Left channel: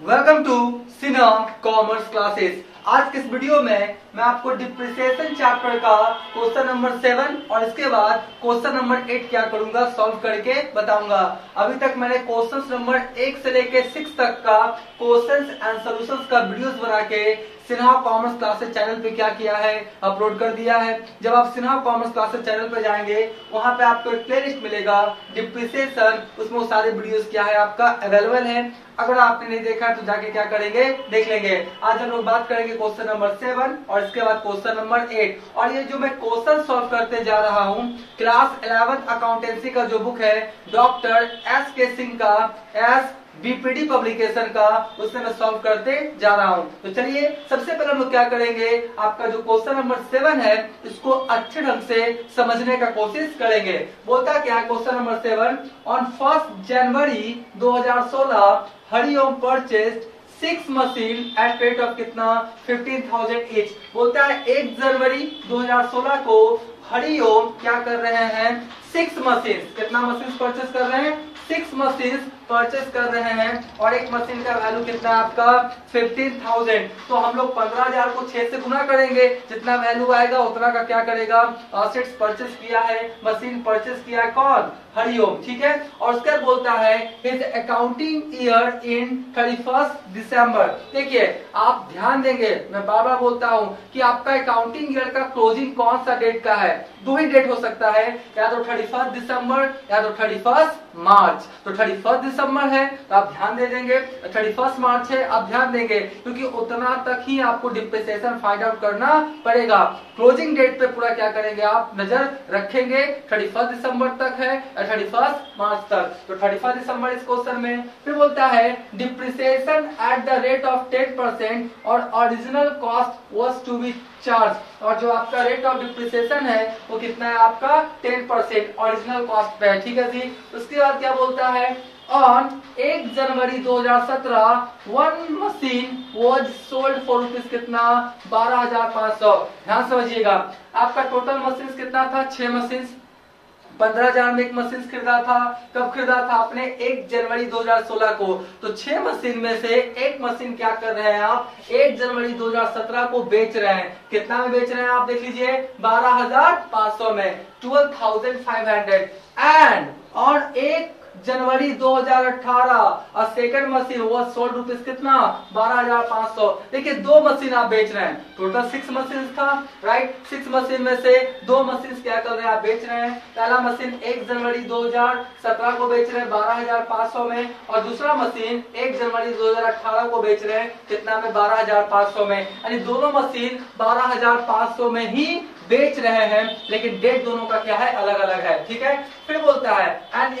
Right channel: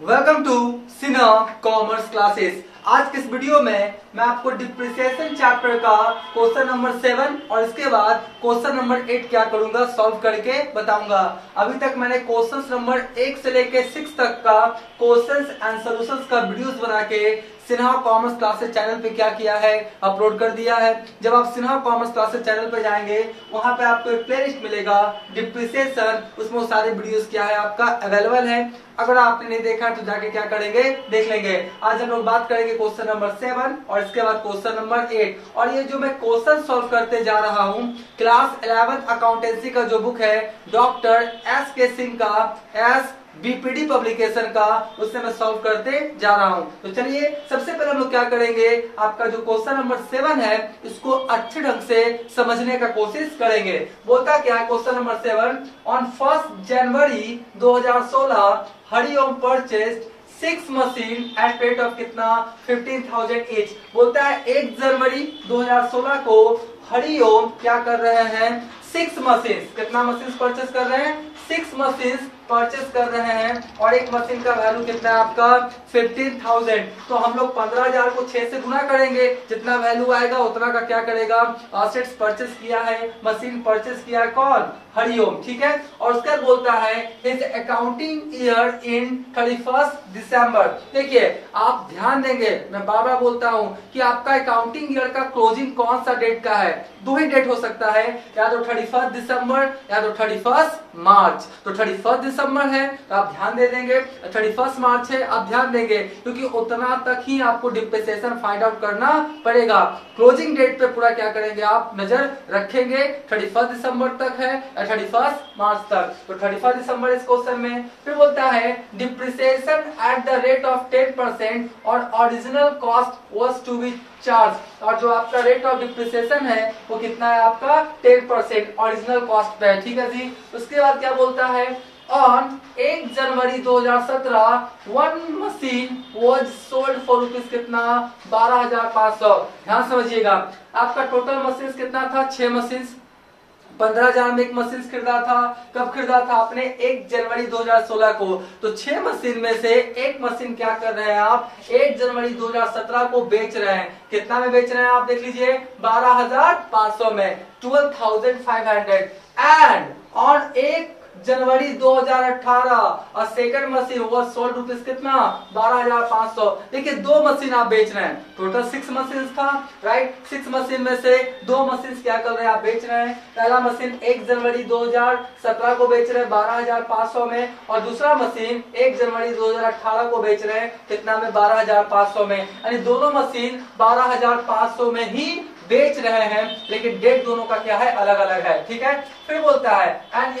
Welcome to Sinha commerce classes. आज के इस वीडियो में मैं आपको डिप्रिसिएशन चैप्टर का क्वेश्चन नंबर 7 और इसके बाद क्वेश्चन नंबर 8 क्या करूंगा सॉल्व करके बताऊंगा। अभी तक मैंने क्वेश्चन नंबर 1 से लेके 6 तक का क्वेश्चंस एंड सॉल्यूशंस का वीडियोस बना के सिन्हा कॉमर्स क्लासेस चैनल पे क्या किया है, अपलोड कर दिया है। जब आप सिन्हा कॉमर्स क्लासेस चैनल पे जाएंगे वहां पे आपको एक प्लेलिस्ट मिलेगा डिप्रिसिएशन, उसमें वो सारे वीडियोस क्या है आपका अवेलेबल है। अगर आपने नहीं देखा है तो जाके क्या करेंगे देख लेंगे। आज हम लोग बात करेंगे क्वेश्चन नंबर 7 और इसके बाद क्वेश्चन नंबर 8। और ये जो मैं क्वेश्चन सॉल्व करते जा रहा हूँ क्लास 11 अकाउंटेंसी का जो बुक है डॉक्टर एस के सिंह का एस बीपीडी पब्लिकेशन का, उससे मैं सॉल्व करते जा रहा हूं। तो चलिए सबसे पहले हम लोग क्या करेंगे, आपका जो क्वेश्चन नंबर 7 है इसको अच्छे ढंग से समझने का कोशिश करेंगे। बोलता क्या है question number 7, on 1 January 2016 Hariom purchased 6 machine eight rate of कितना 15,000 ईच। बोलता है 1 जनवरी 2016 को हरिओम क्या कर रहे हैं 6 मशीन, कितना मशीन परचेस कर रहे हैं 6 मशीन परचेस कर रहे हैं और एक मशीन का वैल्यू कितना है आपका 15,000। तो हम लोग 15,000 को 6 से गुना करेंगे, जितना वैल्यू आएगा उतना का क्या करेगा असेट्स परचेस किया है, मशीन परचेस किया है कौन हरिओम, ठीक है। और उसके बाद बोलता है हिज अकाउंटिंग ईयर इन 31 दिसंबर। देखिए आप ध्यान देंगे, मैं बार बार बोलता हूँ कि आपका अकाउंटिंग ईयर का क्लोजिंग कौन सा डेट का है, दो ही डेट हो सकता है, या तो 31 दिसंबर या तो 31 मार्च। तो 31 दिसंबर है तो आप ध्यान दे देंगे, 31 मार्च है आप ध्यान देंगे, क्योंकि उतना तक ही आपको डिप्रिसिएशन फाइंड आउट करना पड़ेगा। क्लोजिंग डेट पे पूरा क्या करेंगे आप नजर रखेंगे, 31 दिसंबर तक है या 31 मार्च तक। तो 31 दिसंबर इस क्वेश्चन में। फिर बोलता है depreciation at the rate of 10% और original cost was to be charge. और जो आपका रेट ऑफ डिप्रिसिएशन है वो कितना है आपका 10% ओरिजिनल कॉस्ट पे है, ठीक है जी। उसके बाद क्या बोलता है on 1 January 2017 1 machine was sold for rupees कितना 12,500। ध्यान समझिएगा आपका टोटल मशीन कितना था 6 मशीन, 15,000 में एक मशीन खरीदा था। कब खरीदा था आपने 1 जनवरी 2016 को। तो 6 मशीन में से एक मशीन क्या कर रहे हैं आप 1 जनवरी 2017 को बेच रहे हैं। कितना में बेच रहे हैं आप देख लीजिए 12,500 में 12,500 एंड और 1 जनवरी 2018 और सेकंड मशीन वो सोल्ड रुपीज कितना 12,500। देखिए 2 मशीन आप बेच रहे हैं, टोटल 6 मशीन था राइट। 6 मशीन में से 2 मशीन क्या कर रहे हैं आप बेच रहे हैं। पहला मशीन 1 जनवरी 2017 को बेच रहे हैं 12,500 में और दूसरा मशीन 1 जनवरी 2018 को बेच रहे हैं कितना में 12,500 में, यानी दोनों मशीन 12,500 में ही बेच रहे हैं, लेकिन डेट दोनों का क्या है अलग अलग है, ठीक है। फिर बोलता है N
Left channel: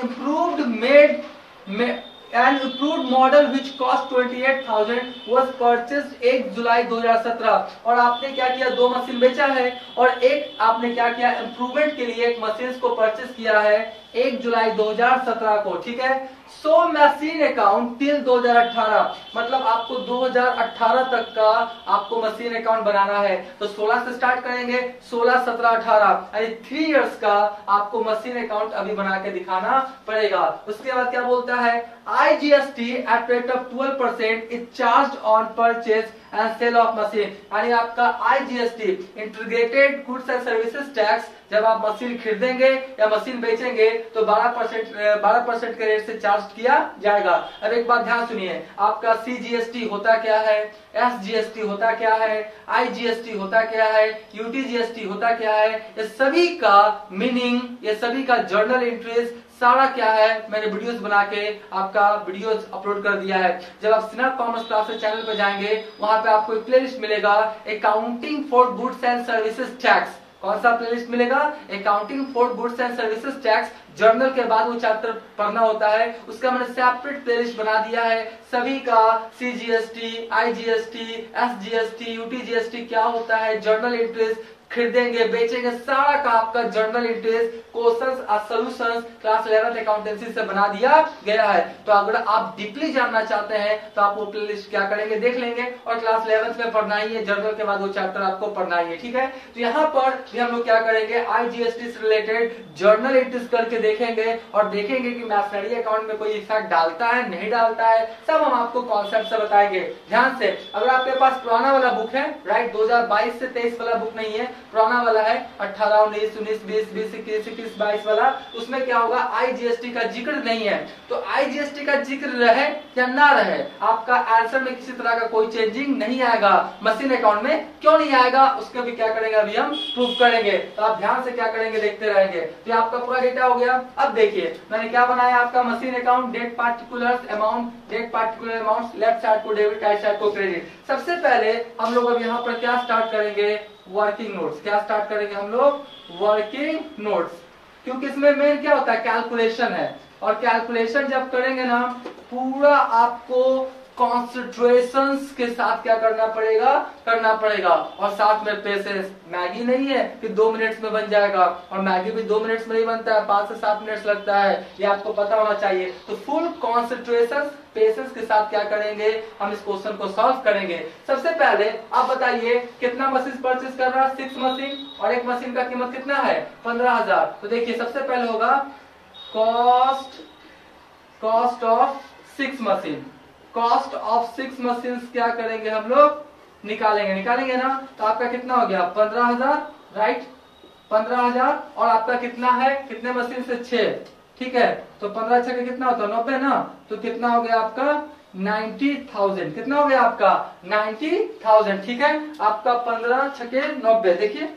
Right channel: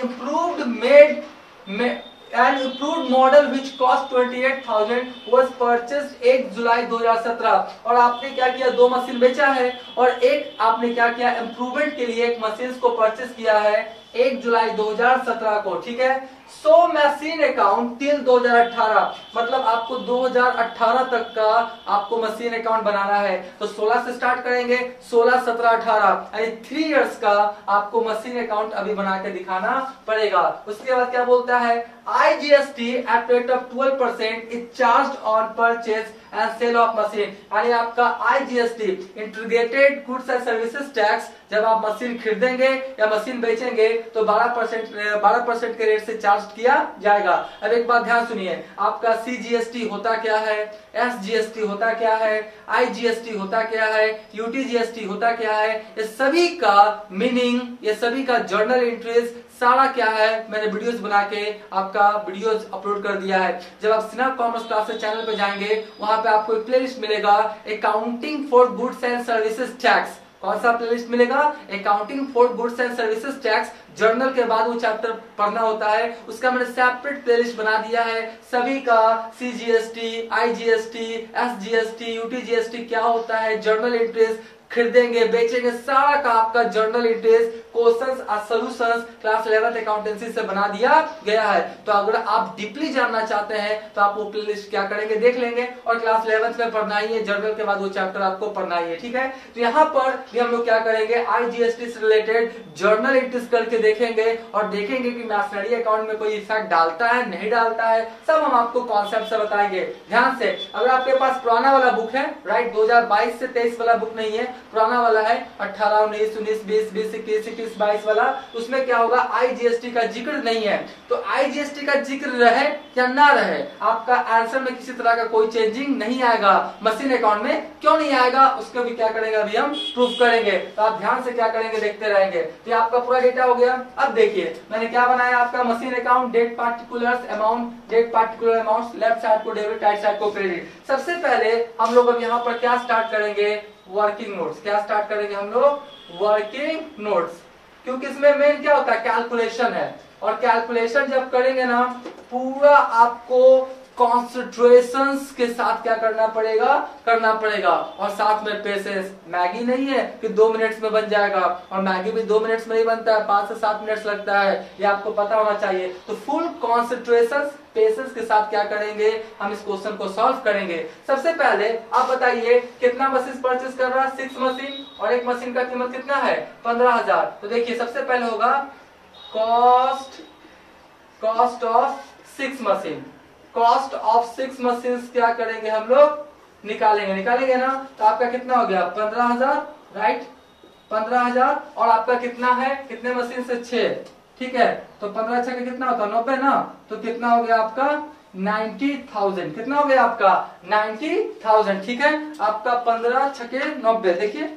improved model which cost 28,000 was purchased 1 जुलाई 2017। और आपने क्या किया 2 मशीन बेचा है और एक आपने क्या किया इम्प्रूवमेंट के लिए एक मशीन को परचेस किया है 1 जुलाई 2017 को, ठीक है। सो मशीन अकाउंट टिल 2018, मतलब आपको 2018 तक का आपको मशीन अकाउंट बनाना है। तो 16 से स्टार्ट करेंगे 16, 17, 18 यानी 3 इयर्स का आपको मशीन अकाउंट अभी बना के दिखाना पड़ेगा। उसके बाद क्या बोलता है IGST at rate of 12% is charge on purchase and sale of machine. यानी आपका IGST integrated goods and services tax जब आप मशीन खरीदेंगे या मशीन बेचेंगे तो 12% के रेट से चार्ज किया जाएगा। अब एक बात ध्यान सुनिए, आपका CGST होता क्या है, SGST होता क्या है, IGST होता क्या है, UTGST होता क्या है, ये सभी का मीनिंग, ये सभी का जर्नल एंट्रीज सारा क्या है मैंने वीडियोस बना के आपका वीडियोस अपलोड कर दिया है। जब आप सिन्हा कॉमर्स क्लासेस चैनल पर जाएंगे वहां पे आपको एक प्लेलिस्ट मिलेगा accounting for goods and services tax. कौन सा प्लेलिस्ट मिलेगा accounting for goods and services tax. Journal के बाद वो चैप्टर पढ़ना होता है, उसका मैंने सेपरेट प्लेलिस्ट बना दिया है। सभी का CGST, IGST, SGST, UTGST क्या होता है, जर्नल एंट्रीज खरीदेंगे बेचेंगे, सारा का आपका जर्नल इंट्रीज, क्वेश्चंस और सॉल्यूशंस क्लास 11th अकाउंटेंसी से बना दिया गया है। तो अगर आप डीपली जानना चाहते हैं तो आप वो प्लेलिस्ट क्या करेंगे, देख लेंगे, और क्लास 11th में पढ़ना ही है, जर्नल के बाद वो चैप्टर आपको पढ़ना ही है, ठीक है। तो यहाँ पर भी हम लोग क्या करेंगे, आईजीएसटी से रिलेटेड जर्नल एंट्रीज करके देखेंगे और देखेंगे कि मैशनरी अकाउंट में कोई इफेक्ट डालता है नहीं डालता है, सब हम आपको कॉन्सेप्ट से बताएंगे। ध्यान से, अगर आपके पास पुराना वाला बुक है, राइट, 2022 से 23 वाला बुक नहीं है, पुराना वाला है 18, 19, 19, 20, 20, 21, 21, 22 वाला, उसमें क्या होगा, आईजीएसटी का जिक्र नहीं है। तो आईजीएसटी का जिक्र रहे या ना रहे, आपका आंसर में किसी तरह का कोई चेंजिंग नहीं आएगा। मशीन अकाउंट में क्यों नहीं आएगा, उसको भी क्या करेंगे, अभी हम प्रूफ करेंगे। तो आप ध्यान से क्या करेंगे, देखते रहेंगे। तो आपका पूरा डेटा हो गया। अब देखिए मैंने क्या बनाया, आपका machine account, date particulars amount, date particular amount, left side को डेबिट, राइट साइड को क्रेडिट। सबसे पहले हम लोग अब यहाँ पर क्या स्टार्ट करेंगे, वर्किंग नोट्स। क्या स्टार्ट करेंगे हम लोग, वर्किंग नोट्स, क्योंकि इसमें मेन क्या होता है, कैलकुलेशन है। और कैलकुलेशन जब करेंगे ना, पूरा आपको कॉन्सेंट्रेशन के साथ क्या करना पड़ेगा और साथ में पेशेंस। मैगी नहीं है कि 2 मिनट्स में बन जाएगा, और मैगी भी 2 मिनट्स में नहीं बनता है, 5 से 7 मिनट्स लगता है, ये आपको पता होना चाहिए। तो फुल कॉन्सेंट्रेशन पेशेंस के साथ क्या करेंगे, हम इस क्वेश्चन को सॉल्व करेंगे। सबसे पहले आप बताइए कितना मशीन परचेज कर रहा है, 6 मशीन, और एक मशीन का कीमत कितना है, 15,000। तो देखिए सबसे पहले होगा cost of 6 machine. Cost of 6 machine क्या करेंगे हम लोग, निकालेंगे ना। तो आपका कितना हो गया, 15,000, राइट, 15,000, और आपका कितना है, कितने मशीन से, 6, ठीक है। तो 15 छके कितना होता है, 90 ना। तो कितना हो गया आपका, 90,000। कितना हो गया आपका, 90,000, ठीक है। आपका 15 छके 90, देखिए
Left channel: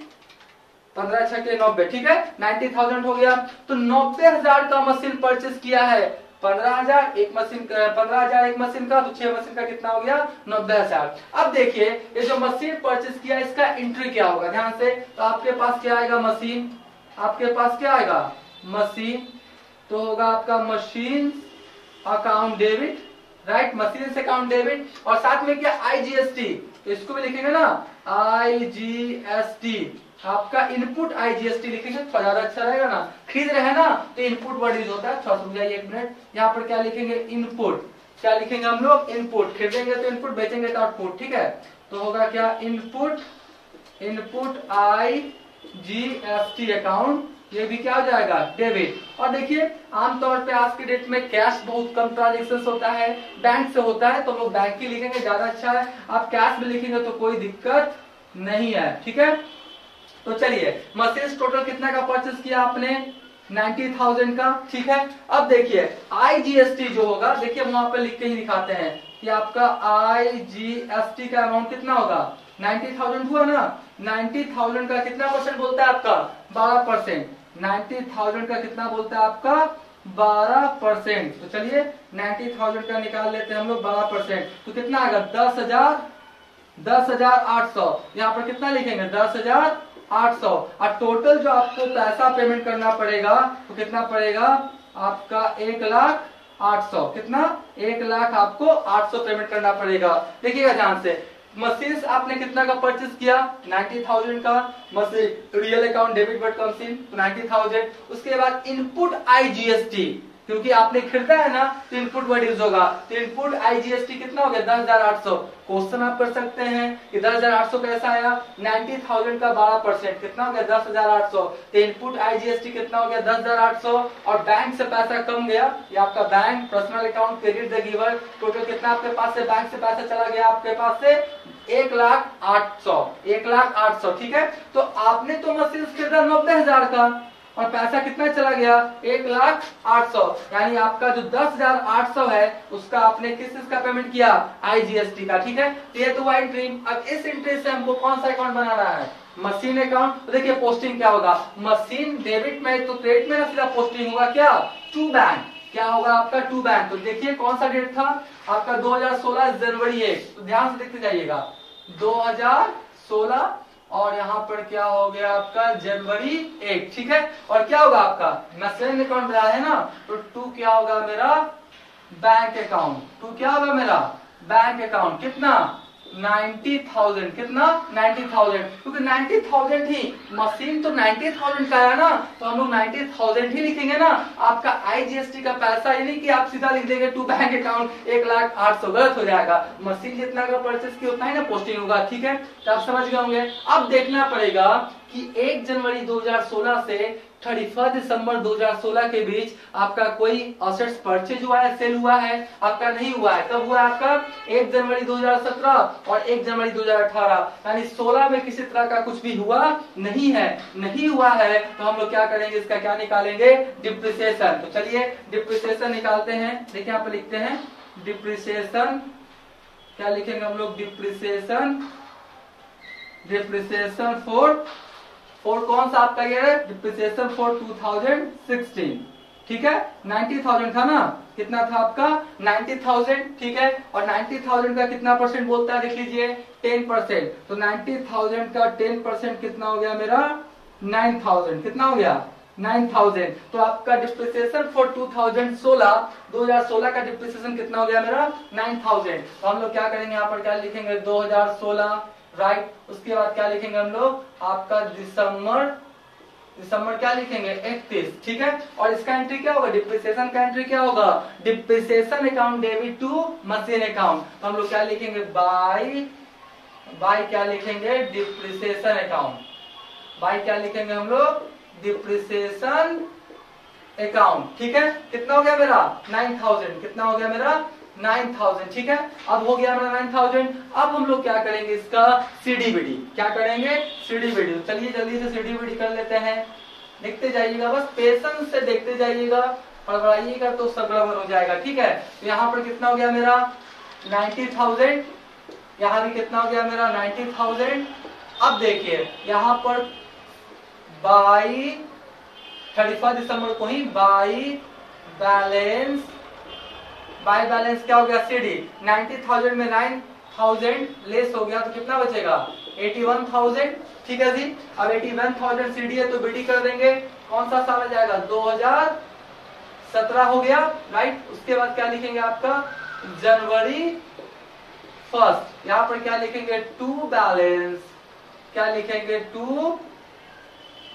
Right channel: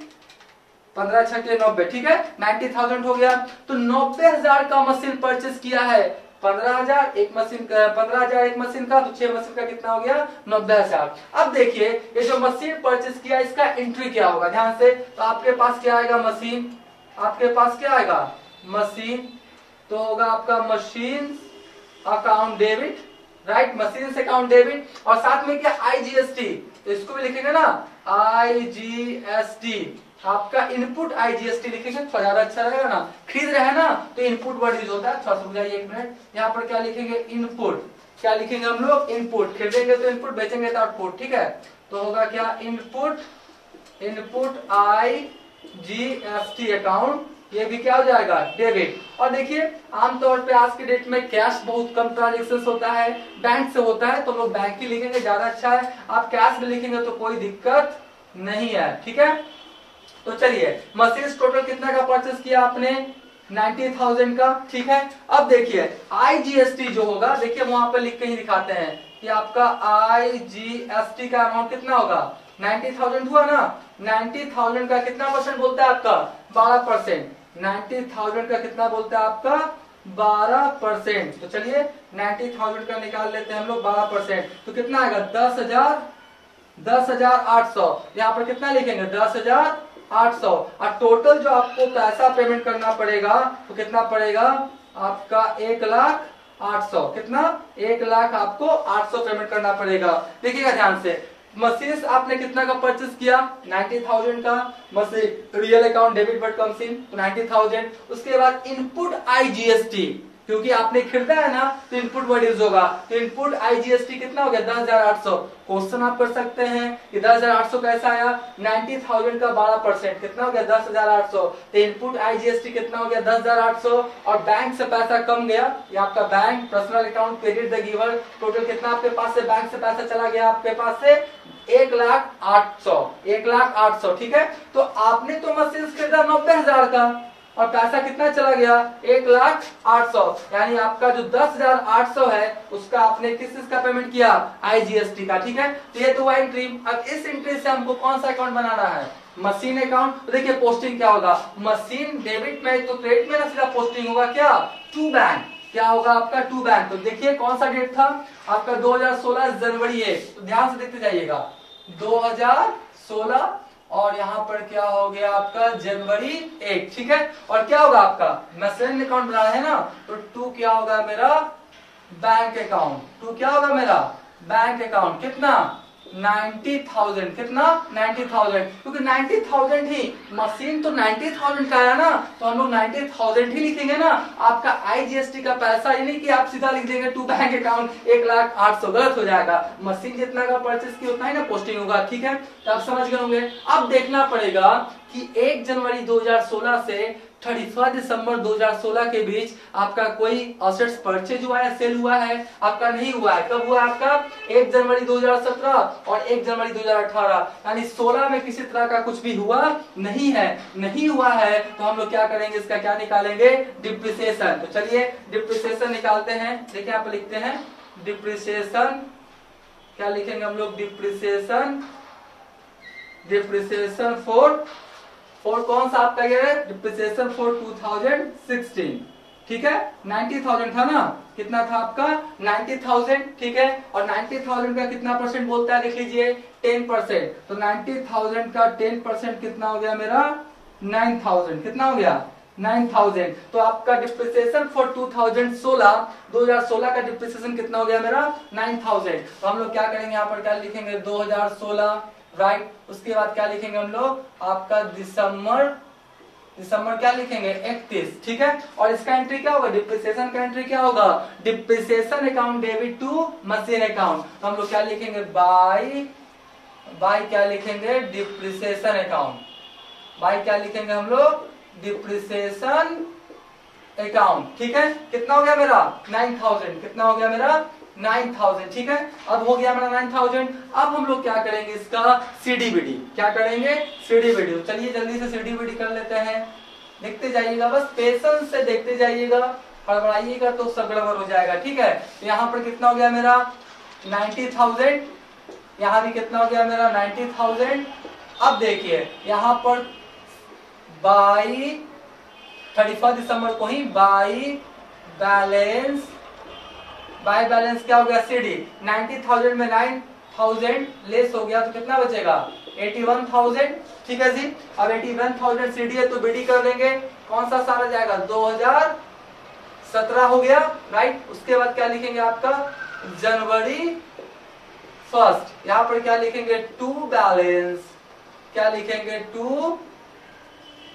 15 छके 90, ठीक है, 90,000 हो गया। तो 90,000 का मशीन परचेज किया है, 15,000 एक मशीन का, 15,000 एक मशीन का, तो 6 मशीन का कितना हो गया, 90,000। अब देखिए ये जो मशीन परचेज किया इसका एंट्री क्या होगा, ध्यान से। तो आपके पास क्या आएगा, मशीन, आपके पास क्या आएगा, मशीन, तो होगा आपका machine account debit, right, machine से अकाउंट डेबिट, और साथ में क्या, आईजीएसटी, इसको भी लिखेंगे ना, आईजीएसटी, आपका इनपुट आईजीएसटी लिखेंगे तो ज्यादा अच्छा रहेगा ना। खरीद रहे हैं ना, तो इनपुट वर्ड यूज होता है, थोड़ा सा बुझाइए एक मिनट। यहाँ पर क्या लिखेंगे, इनपुट, क्या लिखेंगे हम लोग, इनपुट। खरीदेंगे तो इनपुट, बेचेंगे तो आउटपुट, ठीक है। तो होगा क्या, इनपुट आईजीएसटी अकाउंट, ये भी क्या हो जाएगा, डेबिट। और देखिए आमतौर पे आज के डेट में कैश बहुत कम ट्रांजेक्शन होता है, बैंक से होता है, तो लोग बैंक ही लिखेंगे, ज्यादा अच्छा है। आप कैश में लिखेंगे तो कोई दिक्कत नहीं है, ठीक है। तो चलिए मशीन टोटल कितना का परचेज किया आपने, 90,000 का, ठीक है। अब देखिए आईजीएसटी जो होगा, देखिए वहां पे लिख के ही दिखाते हैं कि आपका आईजीएसटी का अमाउंट कितना होगा, 90,000 हुआ ना। 90,000 का कितना परसेंट बोलता है आपका, 12%। 90,000 का कितना बोलता है आपका, 12%। तो चलिए 90,000 का निकाल लेते हैं हम लोग, 12%, तो कितना आएगा, 10,800। यहाँ पर कितना लिखेंगे, 10,800। और टोटल जो आपको पैसा पेमेंट करना पड़ेगा तो कितना पड़ेगा आपका, 1,08,000। कितना, 1,00,000 आपको 800 पेमेंट करना पड़ेगा। देखिएगा ध्यान से, मशीन आपने कितना का परचेज किया, 90,000 का machine, real account debit word का मशीन, तो 90,000। उसके बाद इनपुट आईजीएसटी, क्योंकि आपने खरीदा है ना, तो इनपुट वर्ड यूज होगा। तो इनपुट आईजीएसटी कितना हो गया, 10,800। क्वेश्चन आप कर सकते हैं कि 10,800 कैसा आया, 90,000 का 12%, कितना हो गया, 10,800। तो इनपुट आईजीएसटी कितना हो गया, 10,800। और बैंक से पैसा कम गया, ये आपका bank, personal account, credit the giver, total कितना आपके पास से बैंक से पैसा चला गया, आपके पास से 1,08,000, 1,08,000, ठीक है। तो आपने तो मशीन खरीदा 90,000 का, और पैसा कितना चला गया, 1,08,000, यानी आपका जो 10,800 है उसका आपने किस चीज का पेमेंट किया, आईजीएसटी का, ठीक है। तो ये तो एंट्री। अब इस एंट्री से हमको कौन सा अकाउंट बनाना है, मशीन अकाउंट। तो देखिए पोस्टिंग क्या होगा, मशीन डेबिट में तो क्रेडिट में ना सीधा पोस्टिंग होगा क्या, टू बैंक, क्या होगा आपका, टू बैंक। तो देखिए कौन सा डेट था आपका, 2016 जनवरी 1। तो ध्यान से देखते जाइएगा, 2016, और यहाँ पर क्या हो गया आपका, जनवरी 1, ठीक है। और क्या होगा आपका, मशीन अकाउंट बना है ना, तो 2 क्या होगा मेरा, बैंक अकाउंट। 2 क्या होगा मेरा, बैंक अकाउंट। कितना, 90,000। कितना? 90,000, क्योंकि 90,000 ही मशीन तो 90,000 का है ना, तो हम लोग 90,000 ही लिखेंगे ना। आपका आईजीएसटी का पैसा, ये नहीं कि आप सीधा लिख देंगे टू बैंक अकाउंट 1,08,000, गलत हो जाएगा। मशीन जितना का परचेस की उतना ही ना पोस्टिंग होगा, ठीक है, तो आप समझ गए होंगे। अब देखना पड़ेगा कि 1 जनवरी 2016 से 31 दिसंबर 2016 के बीच आपका कोई असेट्स परचेज हुआ है, सेल हुआ है? आपका नहीं हुआ है। कब हुआ है आपका? 1 जनवरी 2017 और 1 जनवरी 2018, यानी 16 में किसी तरह का कुछ भी हुआ नहीं है। नहीं हुआ है तो हम लोग क्या करेंगे, इसका क्या निकालेंगे? डिप्रिसिएशन। तो चलिए डिप्रिसिएशन निकालते हैं। देखिए यहाँ पे लिखते हैं डिप्रिसिएशन। क्या लिखेंगे हम लोग? डिप्रिसिएशन। डिप्रिसिएशन फॉर कौन सा आपका ये है? डिप्रिसिएशन फॉर 2016, ठीक है। 90,000 था ना, कितना था आपका? 90,000, ठीक है। और 90,000 का कितना परसेंट बोलता है, देख लीजिए 10%। तो 90,000 का 10% कितना हो गया मेरा? 9,000। कितना हो गया? 9,000। तो आपका डिप्रिसिएशन फॉर 2016 का डिप्रिसिएशन कितना हो गया मेरा? 9,000। तो हम लोग क्या करेंगे, यहाँ पर क्या लिखेंगे? 2016, राइट। उसके बाद क्या लिखेंगे हम लोग? आपका दिसंबर क्या लिखेंगे? 31, ठीक है। और इसका एंट्री क्या होगा? डिप्रिसिएशन का एंट्री क्या होगा? Depreciation account debit to machine account. तो हम लोग क्या लिखेंगे? बाय क्या लिखेंगे? Depreciation account. बाय क्या लिखेंगे हम लोग? डिप्रिसिएशन अकाउंट, ठीक है। कितना हो गया मेरा? 9,000। कितना हो गया मेरा? 9,000, ठीक है। अब हो गया मेरा 9,000। अब हम लोग क्या करेंगे? इसका सीडीबीडी। क्या करेंगे? सीडीबीडी। चलिए जल्दी से सीडीबीडी कर लेते हैं। देखते जाइएगा, बस पेशेंस से देखते जाइएगा, हड़बड़ाइएगा तो सब गड़बड़ हो जाएगा, ठीक है। तो यहाँ पर कितना हो गया मेरा? 90,000। यहाँ भी कितना हो गया मेरा? 90,000। अब देखिए यहाँ पर बाई 31 दिसंबर को ही बाई बैलेंस क्या हो गया? सीडी। 90,000 में 9,000 लेस हो गया तो कितना बचेगा? 81,000, ठीक है जी। अब 81,000 सीडी है तो बीडी कर देंगे। कौन सा साल आ जाएगा? 2017 हो गया, राइट। उसके बाद क्या लिखेंगे आपका? जनवरी 1। यहाँ पर क्या लिखेंगे? To balance. क्या लिखेंगे? To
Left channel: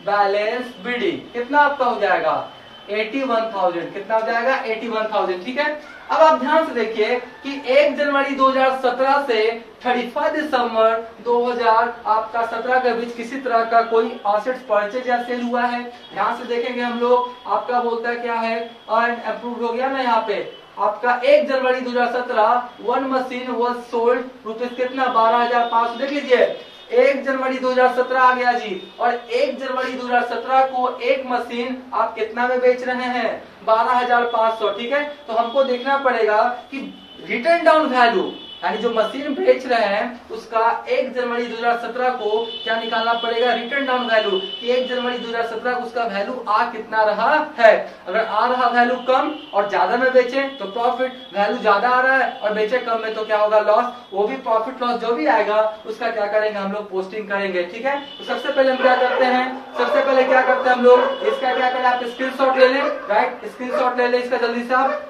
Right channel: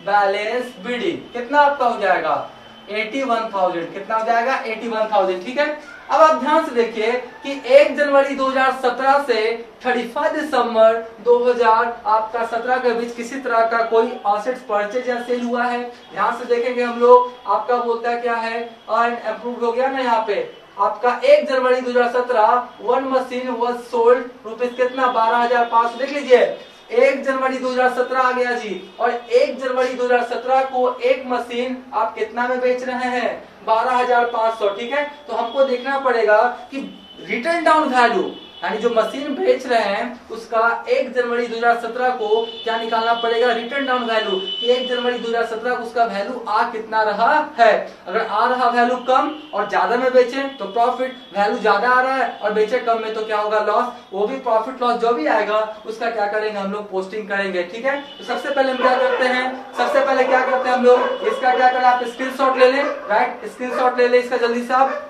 balance BD. कितना आपका हो जाएगा? 81,000। कितना हो जाएगा? 81,000, ठीक है। अब आप ध्यान से देखिए कि 1 जनवरी 2017 से 31 दिसंबर 2017 के बीच किसी तरह का कोई एसेट्स परचेज या सेल हुआ है? ध्यान से देखेंगे हम लोग, आपका बोलता है क्या है? अर्न अप्रूव्ड हो गया ना। यहाँ पे आपका 1 जनवरी 2017 one machine was sold rupees कितना? 12,500। देख लीजिए 1 जनवरी 2017 आ गया जी, और 1 जनवरी 2017 को एक मशीन आप कितना में बेच रहे हैं? 12,500, ठीक है। तो हमको देखना पड़ेगा कि रिटर्न डाउन वैल्यू, यानी जो मशीन बेच रहे हैं उसका 1 जनवरी 2017 को क्या निकालना पड़ेगा? रिटर्न डाउन वैल्यू, कि 1 जनवरी 2017 को उसका वैल्यू आ कितना रहा है। अगर आ रहा वैल्यू कम और ज्यादा में बेचे तो प्रॉफिट, वैल्यू ज्यादा आ रहा है और बेचे कम में तो क्या होगा? लॉस। वो भी प्रॉफिट लॉस जो भी आएगा उसका क्या करेंगे हम लोग? पोस्टिंग करेंगे, ठीक है। तो सबसे पहले हम क्या करते हैं? सबसे पहले क्या करते हैं हम लोग? इसका क्या करें? आप स्क्रीनशॉट ले लें, राइट। स्क्रीनशॉट ले लें इसका जल्दी से आप।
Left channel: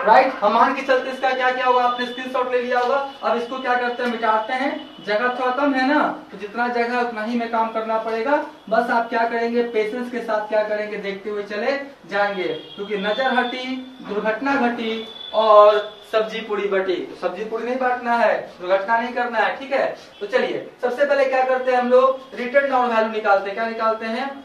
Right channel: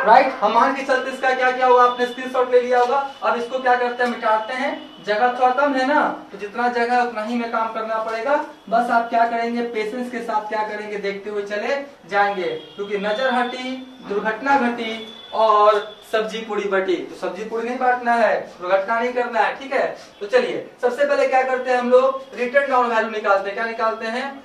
राइट, हम मान के चलते इसका क्या क्या होगा? आपने स्क्रीनशॉट ले लिया होगा। अब इसको क्या करते हैं? मिटाते हैं। जगह थोड़ा कम है ना, तो जितना जगह है उतना ही में काम करना पड़ेगा। बस आप क्या करेंगे? पेशेंस के साथ क्या करेंगे? देखते हुए चले जाएंगे, क्योंकि नजर हटी, दुर्घटना घटी और सब्जी पूरी बटी। तो सब्जी पूरी नहीं बांटना है, दुर्घटना नहीं करना है, ठीक है। तो चलिए सबसे पहले क्या करते हैं हम लोग? रिटर्न डाउन वैल्यू निकालते हैं। क्या निकालते हैं?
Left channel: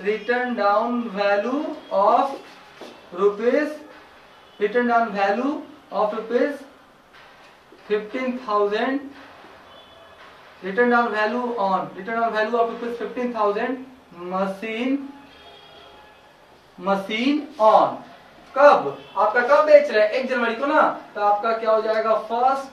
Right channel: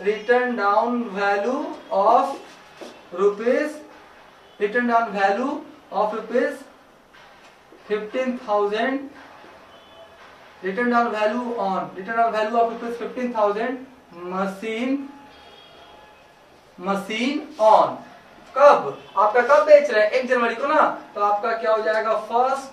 Return down value of rupees 15,000। Return down value of rupees 15,000 machine on. कब? आपका कब बेच रहे हैं? 1 जनवरी को ना, तो आपका क्या हो जाएगा? 1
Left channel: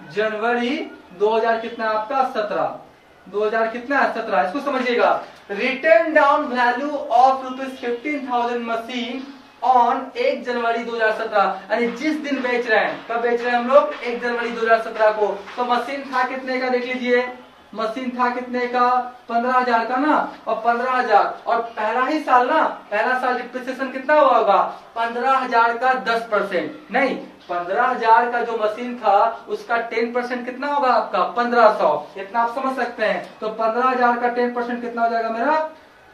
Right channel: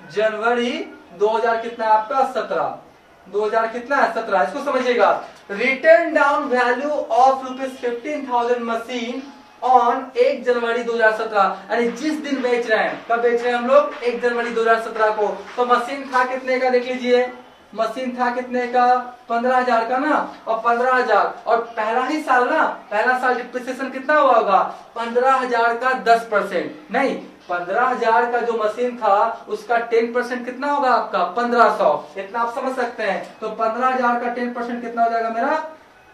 जनवरी 2000 कितना है आपका? 17। 2000 कितना है? 17। इसको समझिएगा। Return down value of rupees 15,000 machine on 1 जनवरी 2017, यानी जिस दिन बेच रहे हैं। कब बेच रहे हैं हम लोग? 1 जनवरी 2017 को। तो मशीन था कितने का? देख लीजिए मशीन था कितने का, 15,000 का ना, और 15,000 और पहला ही साल ना, पहला साल डिप्रिसिएशन कितना हुआ होगा, 15,000 का 10% नहीं, 15,000 का जो मशीन था उसका 10% कितना होगा आपका 1,500, इतना आप समझ सकते हैं। तो 15,000 का 10% कितना हो जाएगा मेरा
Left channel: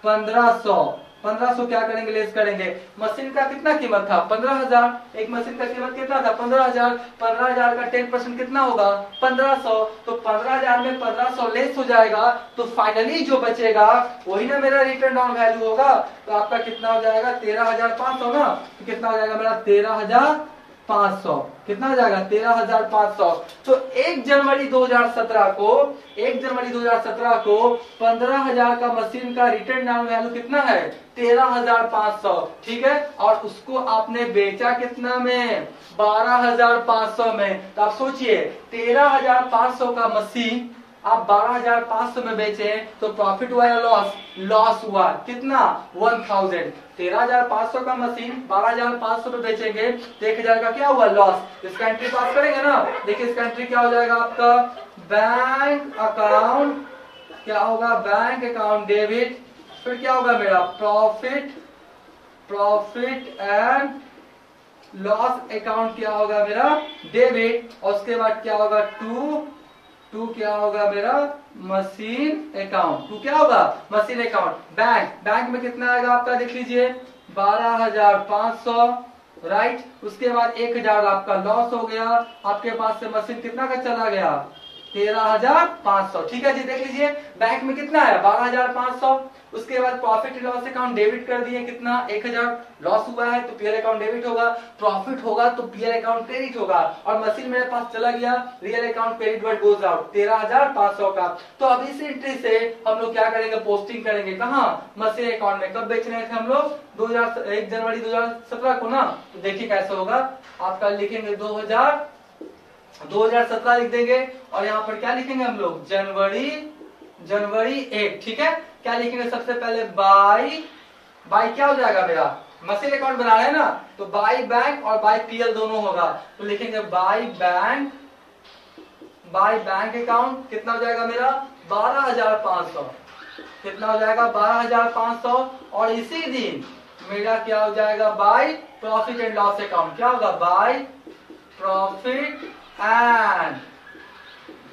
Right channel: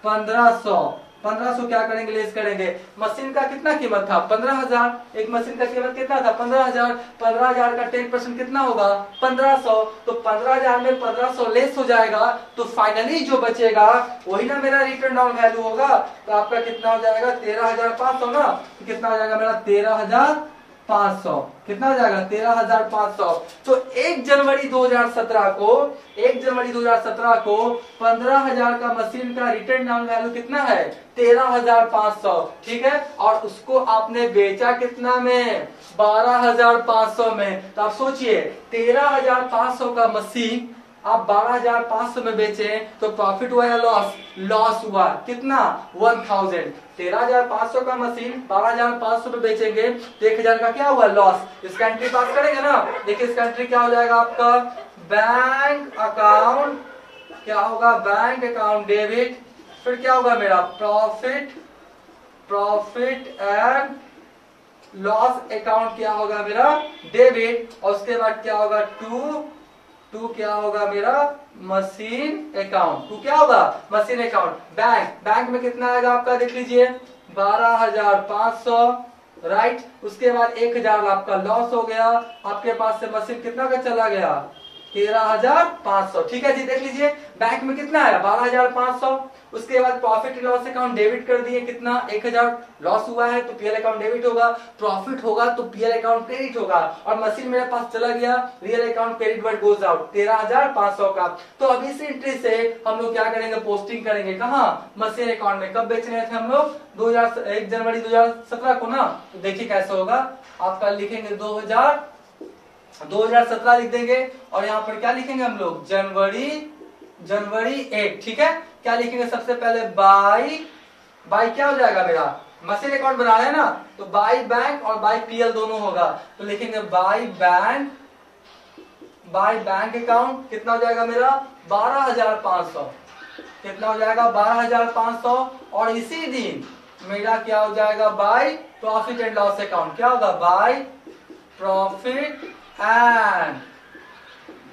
1,500। 1,500 क्या करेंगे, लेस करेंगे। मशीन का कितना कीमत था 15,000, एक मशीन का कीमत कितना था 15,000, 15,000 का 10% कितना होगा 1,500, तो 15,000 में 1,500 लेस हो जाएगा, तो फाइनली जो बचेगा वही ना मेरा रिटर्न डाउन वैल्यू होगा। तो आपका कितना हो जाएगा 13,500 ना, तो कितना हो जाएगा मेरा 13,500, कितना हो जाएगा 13,500। तो 1 जनवरी 2017 को 1 जनवरी 2017 को 15,000 का मशीन का रिटर्न डाउन वैल्यू कितना है 13,500, ठीक है। और उसको आपने बेचा कितना में 12,500 में। तो आप सोचिए 13,500 का मशीन आप 12,500 में बेचे तो प्रॉफिट हुआ या लॉस, लॉस हुआ कितना 1,000। 13,500 का मशीन 12,500 में बेचेंगे तो 1,000 का क्या हुआ लॉस। इसका एंट्री पास करेंगे ना, देखिए इसका एंट्री क्या हो जाएगा आपका बैंक अकाउंट, क्या होगा बैंक अकाउंट डेबिट, फिर क्या होगा मेरा प्रॉफिट एंड लॉस अकाउंट क्या होगा मेरा डेबिट, और उसके बाद क्या होगा टू क्या होगा मेरा मशीन अकाउंट, टू क्या होगा मशीन अकाउंट। बैंक में कितना आएगा आपका देख लीजिए 12,500, राइट। उसके बाद 1,000 आपका लॉस हो गया, आपके पास से मशीन कितना का चला गया 13,500, ठीक है जी। देख लीजिए बैंक में कितना आया 12,500, उसके बाद प्रॉफिट लॉस अकाउंट डेबिट कर दिए कितना 1,000, लॉस हुआ है तो पीएल अकाउंट डेबिट होगा, प्रॉफिट होगा तो पीएल अकाउंट क्रेडिट होगा, और मशीन मेरे पास चला गया real account credit word goes out 13,500 का। तो अब इस एंट्री से हम लोग क्या करेंगे पोस्टिंग करेंगे कहाँ मशीन अकाउंट में। कब बेचने थे हम लोग 1 जनवरी 2017 को ना। तो देखिए कैसे होगा, आपका लिखेंगे 2017 लिख देंगे, और यहाँ पर क्या लिखेंगे हम लोग जनवरी 1, ठीक है। क्या लिखेंगे सबसे पहले बाई क्या हो जाएगा मेरा मशीन अकाउंट बना रहे हैं ना, तो बाई बैंक और बाई पीएल दोनों होगा, तो लिखेंगे बाई बैंक अकाउंट कितना हो जाएगा मेरा 12,500, कितना हो जाएगा 12,500, और इसी दिन मेरा क्या हो जाएगा by profit and loss account, क्या होगा बाई प्रॉफिट एंड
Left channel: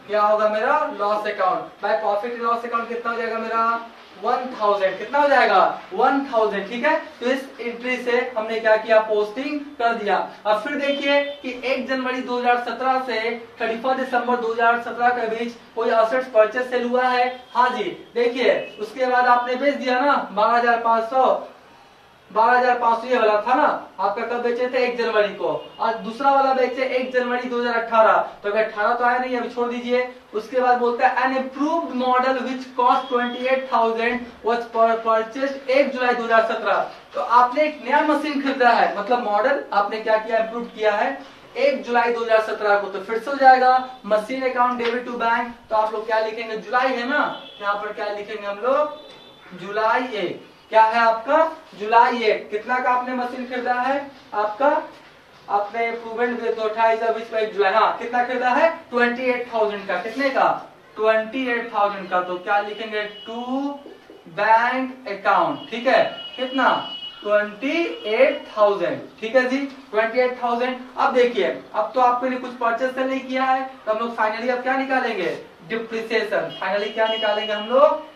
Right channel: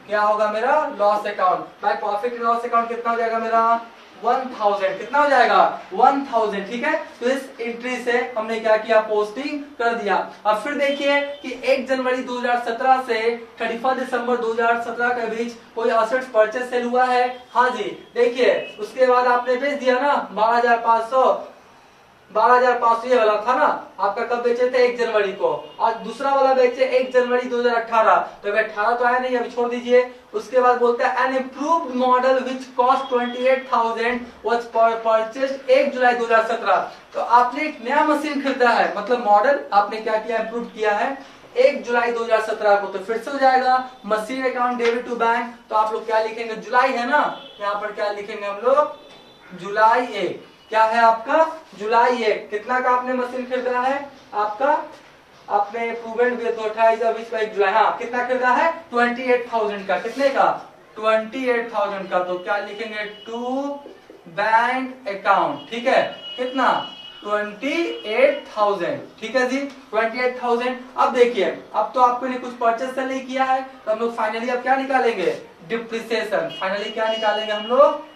क्या होगा मेरा loss account. By profit and loss account कितना हो जाएगा मेरा 1,000, कितना हो जाएगा 1,000, ठीक है। तो इस एंट्री से हमने क्या किया पोस्टिंग कर दिया। अब फिर देखिए कि 1 जनवरी 2017 से 31 दिसंबर 2017 के बीच कोई असेट्स परचेस सेल हुआ है, हाँ जी। देखिए उसके बाद आपने बेच दिया ना 12,500 ये वाला था ना आपका, कब बेचे थे 1 जनवरी को, और दूसरा वाला बेचे 1 जनवरी 2018। तो अगर 18 तो आया नहीं, अभी छोड़ दीजिए। उसके बाद बोलता है N improved model which cost 28,000 was purchased 1 जुलाई 2017। तो आपने एक नया मशीन खरीदा है, मतलब मॉडल आपने क्या किया इम्प्रूव किया है 1 जुलाई 2017 को। तो फिर से हो जाएगा machine account debit to bank. तो आप लोग क्या लिखेंगे जुलाई है ना, यहाँ पर क्या लिखेंगे हम लोग जुलाई 1, क्या है आपका जुलाई 1। कितना का आपने मशीन खरीदा है आपका, आपने प्रूवेंट 28 जुलाई, हाँ कितना खरीदा है 28,000 का, कितने का 28,000 का। तो क्या लिखेंगे टू बैंक अकाउंट, ठीक है, कितना 28,000, ठीक है जी 28,000। अब देखिए अब तो आपको ने कुछ परचेस नहीं किया है, तो हम लोग फाइनली अब क्या निकालेंगे डिप्रिसिएशन। फाइनली क्या निकालेंगे हम लोग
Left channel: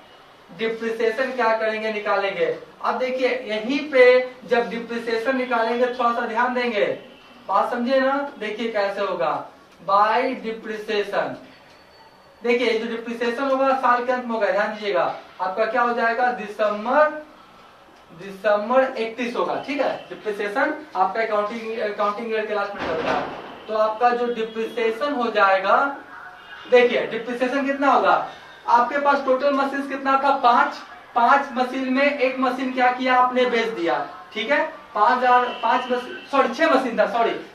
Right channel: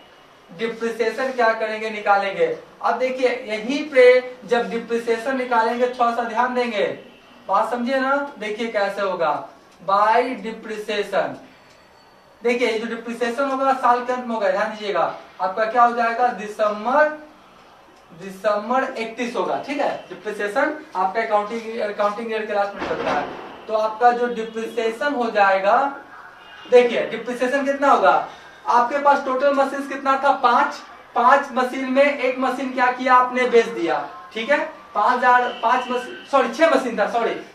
डिप्रिसिएशन क्या करेंगे निकालेंगे। अब देखिए यहीं पे जब डिप्रिसिएशन निकालेंगे थोड़ा सा ध्यान देंगे, बात समझिए ना। देखिए कैसे होगा बाय डिप्रिसिएशन। देखिए जो डिप्रिसिएशन होगा साल के अंत में होगा, ध्यान दीजिएगा। आपका क्या हो जाएगा दिसंबर 31 होगा, ठीक है। डिप्रिसिएशन आपका अकाउंटिंग ईयर के लास्ट में चलता है। तो आपका जो डिप्रिसिएशन हो जाएगा, देखिए डिप्रिसिएशन कितना होगा, आपके पास टोटल मशीन कितना था 5 मशीन में एक मशीन क्या किया आपने बेच दिया, ठीक है। 6 मशीन था,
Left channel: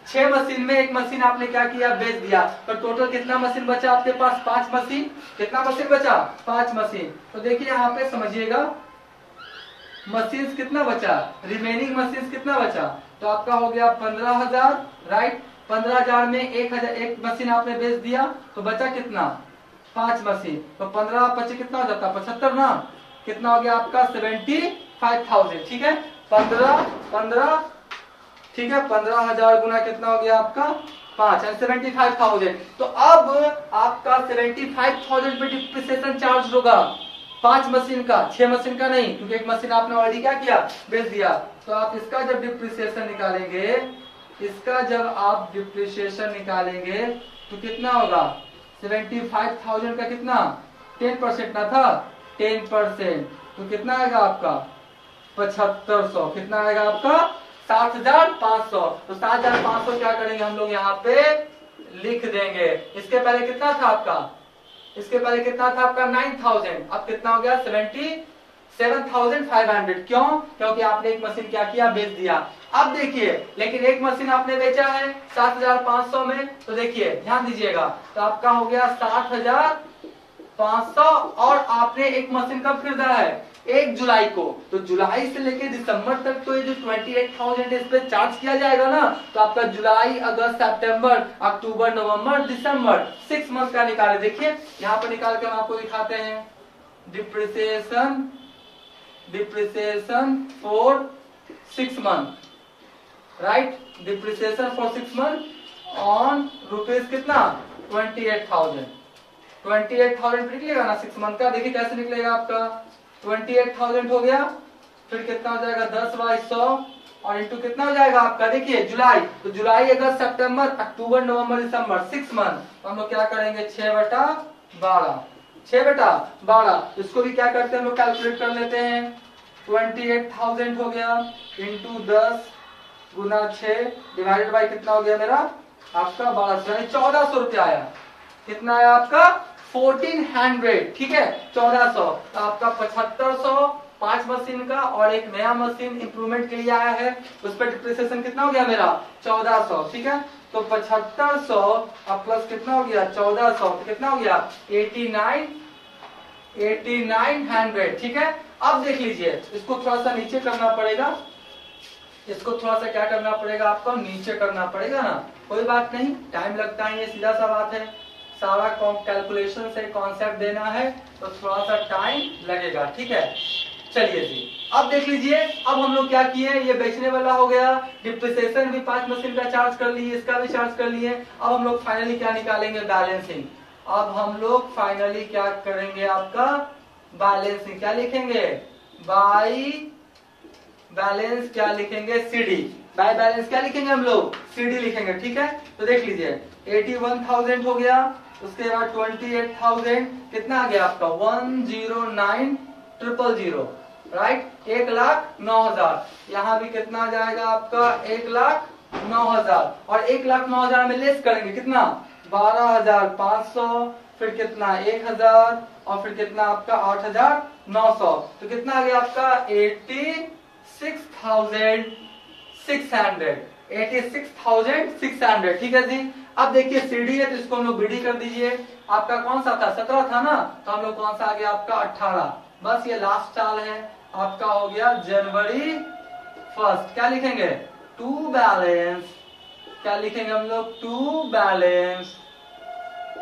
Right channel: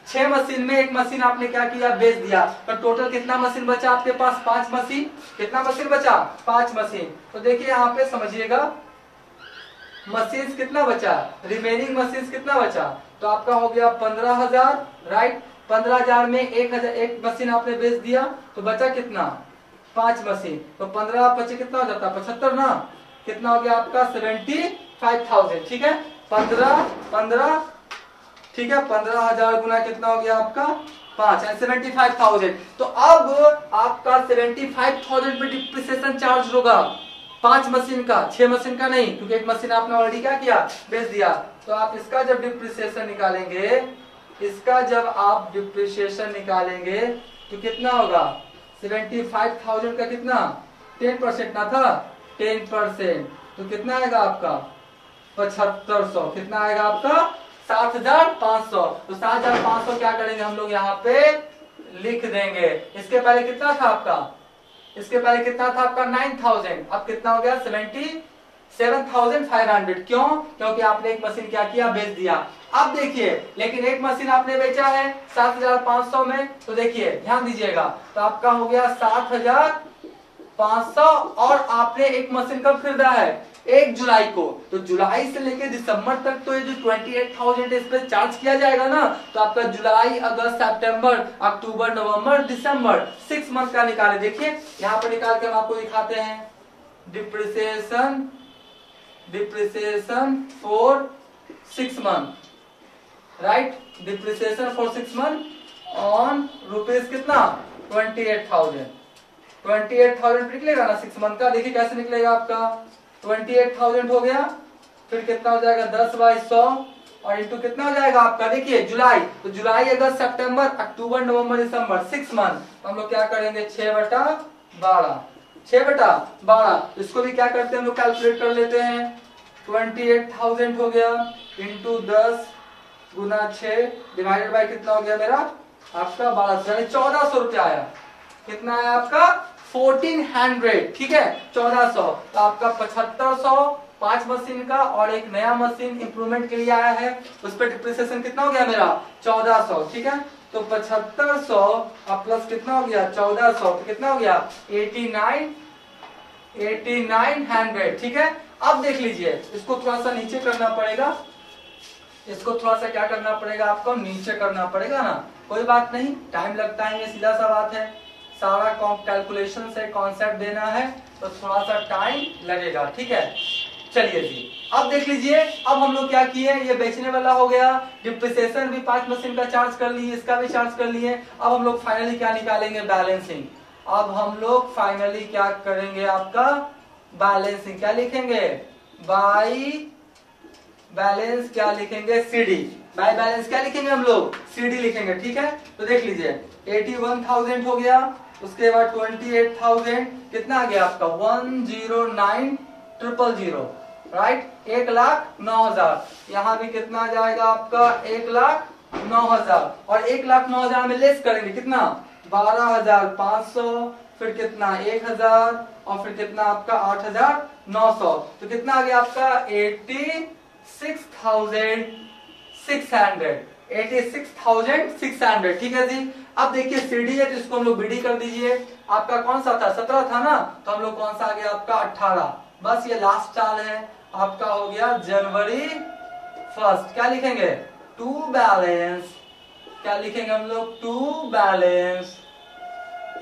6 मशीन में एक मशीन आपने क्या किया बेच दिया, तो टोटल कितना मशीन बचा आपके पास 5 मशीन। कितना मशीन बचा 5 मशीन। तो देखिए यहाँ पे समझिएगा मशीन कितना बचा, रिमेनिंग मशीन कितना बचा, तो आपका हो गया 15,000, राइट। 15,000 में 1,000 एक मशीन आपने बेच दिया, तो बचा कितना 5 मशीन, तो 15 कितना हो जाता है 75 ना, कितना हो गया आपका 75,000। ठीक है, 15 ठीक है, 15,000 गुना कितना हो गया आपका 5, 75,000। तो अब आपका 75,000 पे डिप्रिसिएशन चार्ज होगा 5 मशीन का, 6 मशीन का नहीं, क्योंकि एक मशीन आपने ऑलरेडी क्या किया, बेच दिया। तो आप इसका जब डिप्रिसिएशन निकालेंगे, इसका जब आप डिप्रिसिएशन निकालेंगे तो कितना होगा 75,000 का कितना 10% ना था, 10%, तो कितना आएगा आपका 7500, कितना आएगा आपका 7,500। तो 7,500 क्या करेंगे हम लोग यहाँ पे लिख देंगे। इसके पहले कितना था आपका, इसके पहले कितना था आपका 9,000, अब कितना हो गया 77,500। क्यों, क्योंकि आपने एक मशीन क्या किया, बेच दिया। अब देखिए, लेकिन एक मशीन आपने बेचा है 7,500 में, तो देखिए ध्यान दीजिएगा, तो आपका हो गया 7,500 और आपने एक मशीन कब खरीदा है 1 जुलाई को, तो जुलाई से लेकर दिसंबर तक तो ये जो 28,000 इस पे चार्ज किया जाएगा ना, तो आपका जुलाई, अगस्त, सितंबर, अक्टूबर, नवंबर, दिसंबर 6 मंथ का निकाले। देखिए यहाँ पे निकाल के हम आपको दिखाते हैं, depreciation for 6 month, right, depreciation for 6 month on rupees कितना 28,000 निकलेगा ना 6 मंथ का। देखिए कैसे निकलेगा आपका 28,000 हो गया, फिर कितना हो जाएगा 10/100 और इंटू कितना हो जाएगा आपका, देखिए जुलाई, तो जुलाई, अगस्त, सितंबर, अक्टूबर, नवंबर, दिसंबर 6 मंथ, तो हम लोग क्या करेंगे 6/12, इसको भी क्या करते हैं हम लोग कैलकुलेट कर लेते हैं। 28,000 हो गया इंटू 10 गुना 6 डिवाइडेड बाई कितना हो गया मेरा आपका 1200, यानी 1,400 रुपया आया। कितना आया आपका 1,400, ठीक है 1,400, तो आपका 7,500 5 मशीन का और एक नया मशीन इंप्रूवमेंट के लिए आया है, उस पर डिप्रिसिएशन कितना हो गया मेरा 1,400, ठीक है। तो 7,500 अब प्लस कितना हो गया 1,400, तो कितना हो गया 8,900, ठीक है। अब देख लीजिए, इसको थोड़ा सा नीचे करना पड़ेगा, इसको थोड़ा सा क्या करना पड़ेगा आपको नीचे करना पड़ेगा ना, कोई बात नहीं, टाइम लगता है, ये सीधा सा बात है, सारा कैलकुलेशन से कॉन्सेप्ट देना है तो थोड़ा सा टाइम लगेगा, ठीक है। चलिए जी, अब देख लीजिए, अब हम लोग क्या किए, ये बेचने वाला हो गया, डिप्रिसिएशन भी 5 मशीन का चार्ज कर लिए, इसका भी चार्ज कर लिए। अब हम लोग फाइनली क्या निकालेंगे बैलेंसिंग। अब हम लोग फाइनली क्या करेंगे आपका बैलेंसिंग, क्या लिखेंगे बाई बैलेंस, क्या लिखेंगे सीडी, बाय बैलेंस क्या लिखेंगे हम लोग सीडी लिखेंगे, ठीक है। तो देख लीजिए 81,000 हो गया, उसके बाद 28,000 कितना आ गया आपका 109,000, राइट, 1,09,000। यहाँ भी कितना आ जाएगा आपका 1,09,000 और 1,09,000 में लेस करेंगे कितना 12,500, फिर कितना 1,000 और फिर कितना आपका 8,900, तो कितना आ गया आपका 86,600, ठीक है जी। अब देखिए सीडी है तो इसको हम लोग बीडी कर दीजिए, आपका कौन सा था 17 था ना, तो हम लोग कौन सा आ गया आपका 18, बस ये लास्ट साल है आपका हो गया जनवरी 1। क्या लिखेंगे टू बैलेंस, क्या लिखेंगे हम लोग टू बैलेंस,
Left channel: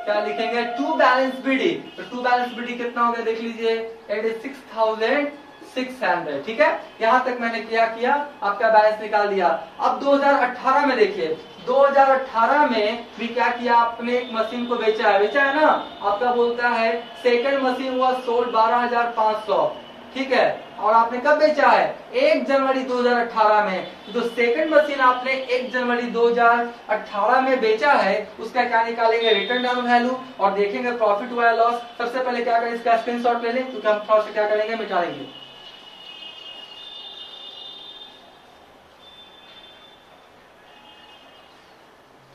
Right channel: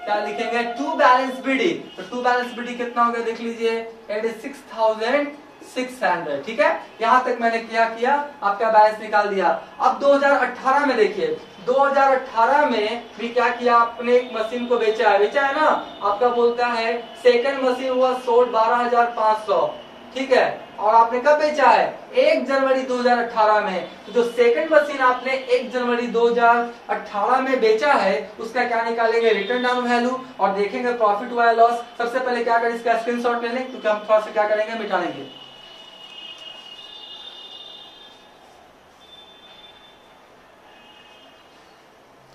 क्या लिखेंगे टू बैलेंस बीडी। तो टू बैलेंस बीडी कितना हो गया देख लीजिए 86,600, ठीक है। यहां तक मैंने क्या किया आपका बैलेंस निकाल दिया। अब 2018 में देखिए, 2018 में भी क्या किया आपने, एक मशीन को बेचा है ना, आपका बोलता है सेकंड मशीन हुआ सोल्ड 12,500, ठीक है, और आपने कब बेचा है 1 जनवरी 2018 में। तो जो सेकंड मशीन आपने 1 जनवरी 2018 में बेचा है उसका क्या निकालेंगे रिटर्न डाउन वैल्यू और देखेंगे प्रॉफिट हुआ है लॉस। सबसे पहले क्या करें इसका स्क्रीनशॉट ले लें, क्योंकि हम थोड़ा सा क्या करेंगे मिटा देंगे।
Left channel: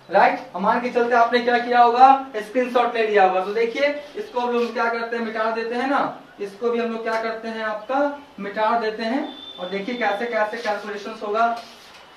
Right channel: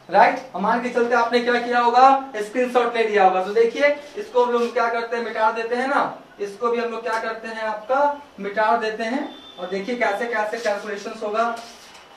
राइट, मान के चलते आपने क्या किया होगा स्क्रीनशॉट ले लिया होगा। तो देखिए इसको हम लोग क्या करते हैं मिटा देते हैं ना, इसको भी हम लोग क्या करते हैं आपका मिटा देते हैं और देखिए कैसे कैसे कैलकुलेशन होगा,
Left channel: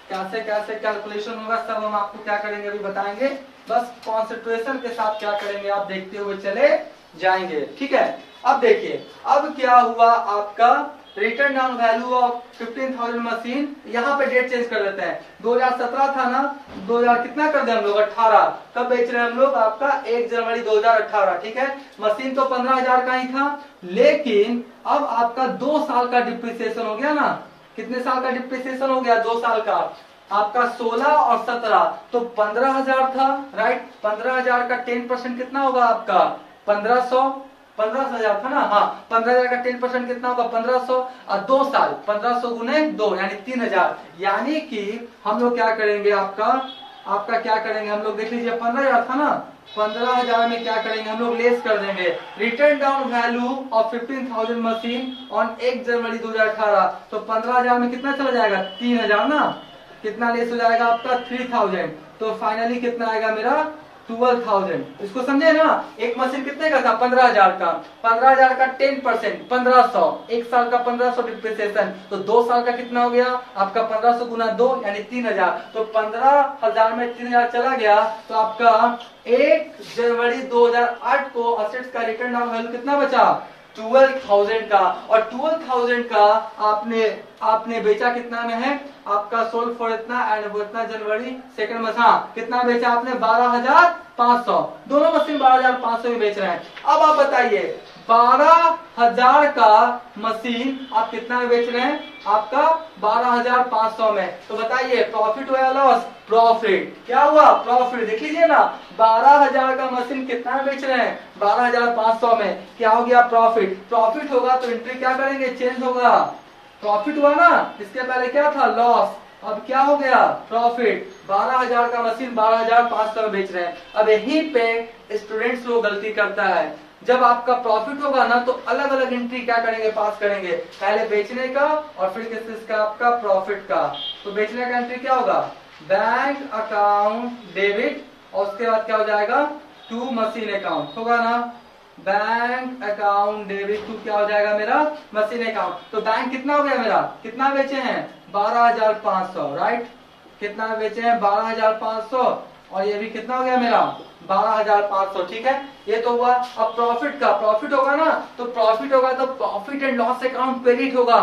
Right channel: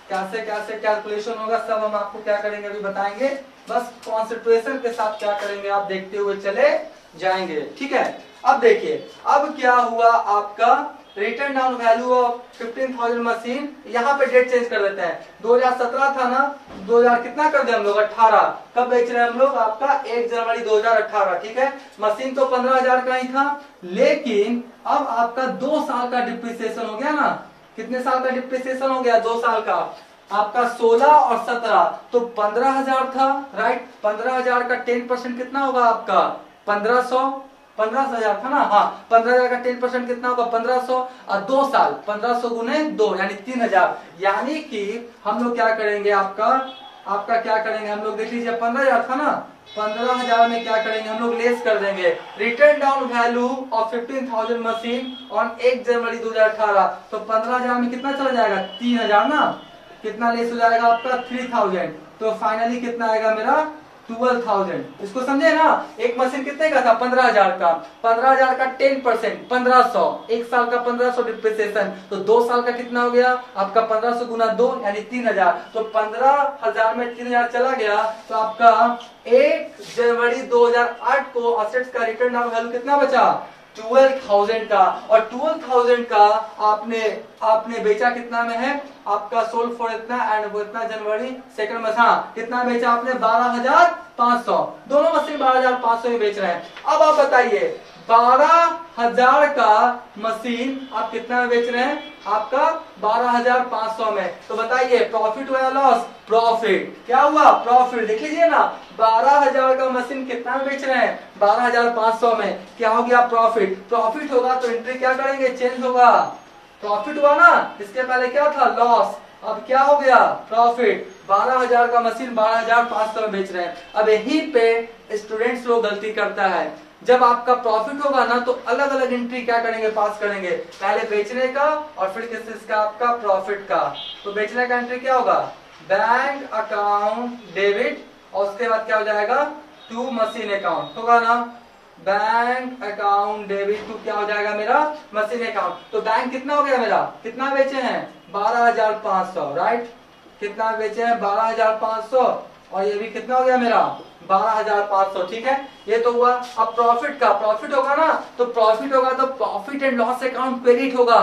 कैसे कैसे कैलकुलेशन होगा सब हम आपको क्या करेंगे अभी बताएंगे। बस कॉन्सेंट्रेशन के साथ क्या करेंगे आप देखते हुए चले जाएंगे, ठीक है। अब देखिए अब क्या हुआ आपका return down value of 15,000 machine, यहाँ पे डेट चेंज कर देते हैं, 2017 था ना, 2000 कितना कर दे हम लोग 18, कब बेच रहे हैं हम लोग आपका 1 जनवरी 2018, ठीक है। मशीन तो 15,000 का ही था, लेकिन अब आपका 2 साल का डिप्रिसिएशन हो गया ना, कितने साल का डिप्रिसिएशन हो गया, 2 साल का, आपका 16 और 17, तो 15,000 था, राइट। 15,000 का 10% कितना होगा आपका 15,000 था ना, हाँ 15,000 का 10% कितना होगा 1500, और 2 साल 1500 गुने 2 यानी 3,000, यानी कि हम लोग क्या करेंगे आपका क्या करेंगे हम लोग, देख लीजिए 15,000 था ना, 15,000 में क्या करेंगे हम लोग, लेस कर देंगे return down value of 15,000 machine on 1 जनवरी 2018, तो 15,000 में कितना चला जाएगा 3,000 ना, कितना लेस हो जाएगा आपका 3,000, तो फाइनली कितना आएगा मेरा 12,000। इसको समझे ना, एक मशीन कितने का था 15,000 का, 15,000 का 10% 1,500, एक साल का 1,500 डिप्रिसिएशन, तो 2 साल का कितना हो गया आपका 1,500 गुना 2 यानी 3,000, तो 15,000 में 3,000 चला गया, तो आपका 1 जनवरी 2008 को असेट्स का रिटर्न डाउन वैल्यू कितना बचा 12,000 का, और 12,000 का आपने बेचा कितना में है आपका सोल्ड फॉर इतना एंड वो इतना जनवरी सेकंड में, हाँ कितना बेचा आपने 12,500, दोनों मशीन 12,500 में बेच रहे हैं। अब आप बताइए 12,000 का मशीन आप कितना में बेच रहे हैं, आपका 12,500 में, तो बताइए प्रॉफिट हुआ या लॉस, प्रॉफिट, क्या हुआ प्रॉफिट, देख लीजिए ना 12,000 का मशीन कितना में बेच रहे हैं 12,500 में, क्या हो गया प्रॉफिट, प्रॉफिट होगा तो एंट्री क्या करेंगे चेंज होगा, प्रॉफिट हुआ ना, इसके पहले क्या था लॉस, अब क्या हो गया प्रॉफिट, 12,000 का मशीन 12,500 में बेच रहे हैं। अब यहीं पे स्टूडेंट्स लोग गलती करता है, जब आपका प्रॉफिट होगा ना तो अलग अलग एंट्री क्या करेंगे पास करेंगे, पहले बेचने का और फिर किसका आपका प्रॉफिट का, तो बेचने का एंट्री क्या होगा बैंक अकाउंट डेबिट, और उसके बाद क्या हो जाएगा टू मशीन अकाउंट होगा ना, बैंक अकाउंट डेबिट टू क्या हो जाएगा मेरा मशीन अकाउंट, तो बैंक कितना हो गया मेरा, कितना बेचे हैं 12,500, राइट, कितना बेचे हैं 12,500, और ये भी कितना हो गया मेरा 12,500, ठीक है, ये तो हुआ। अब प्रॉफिट का, प्रॉफिट होगा ना, तो प्रॉफिट होगा तो profit and loss account credit होगा,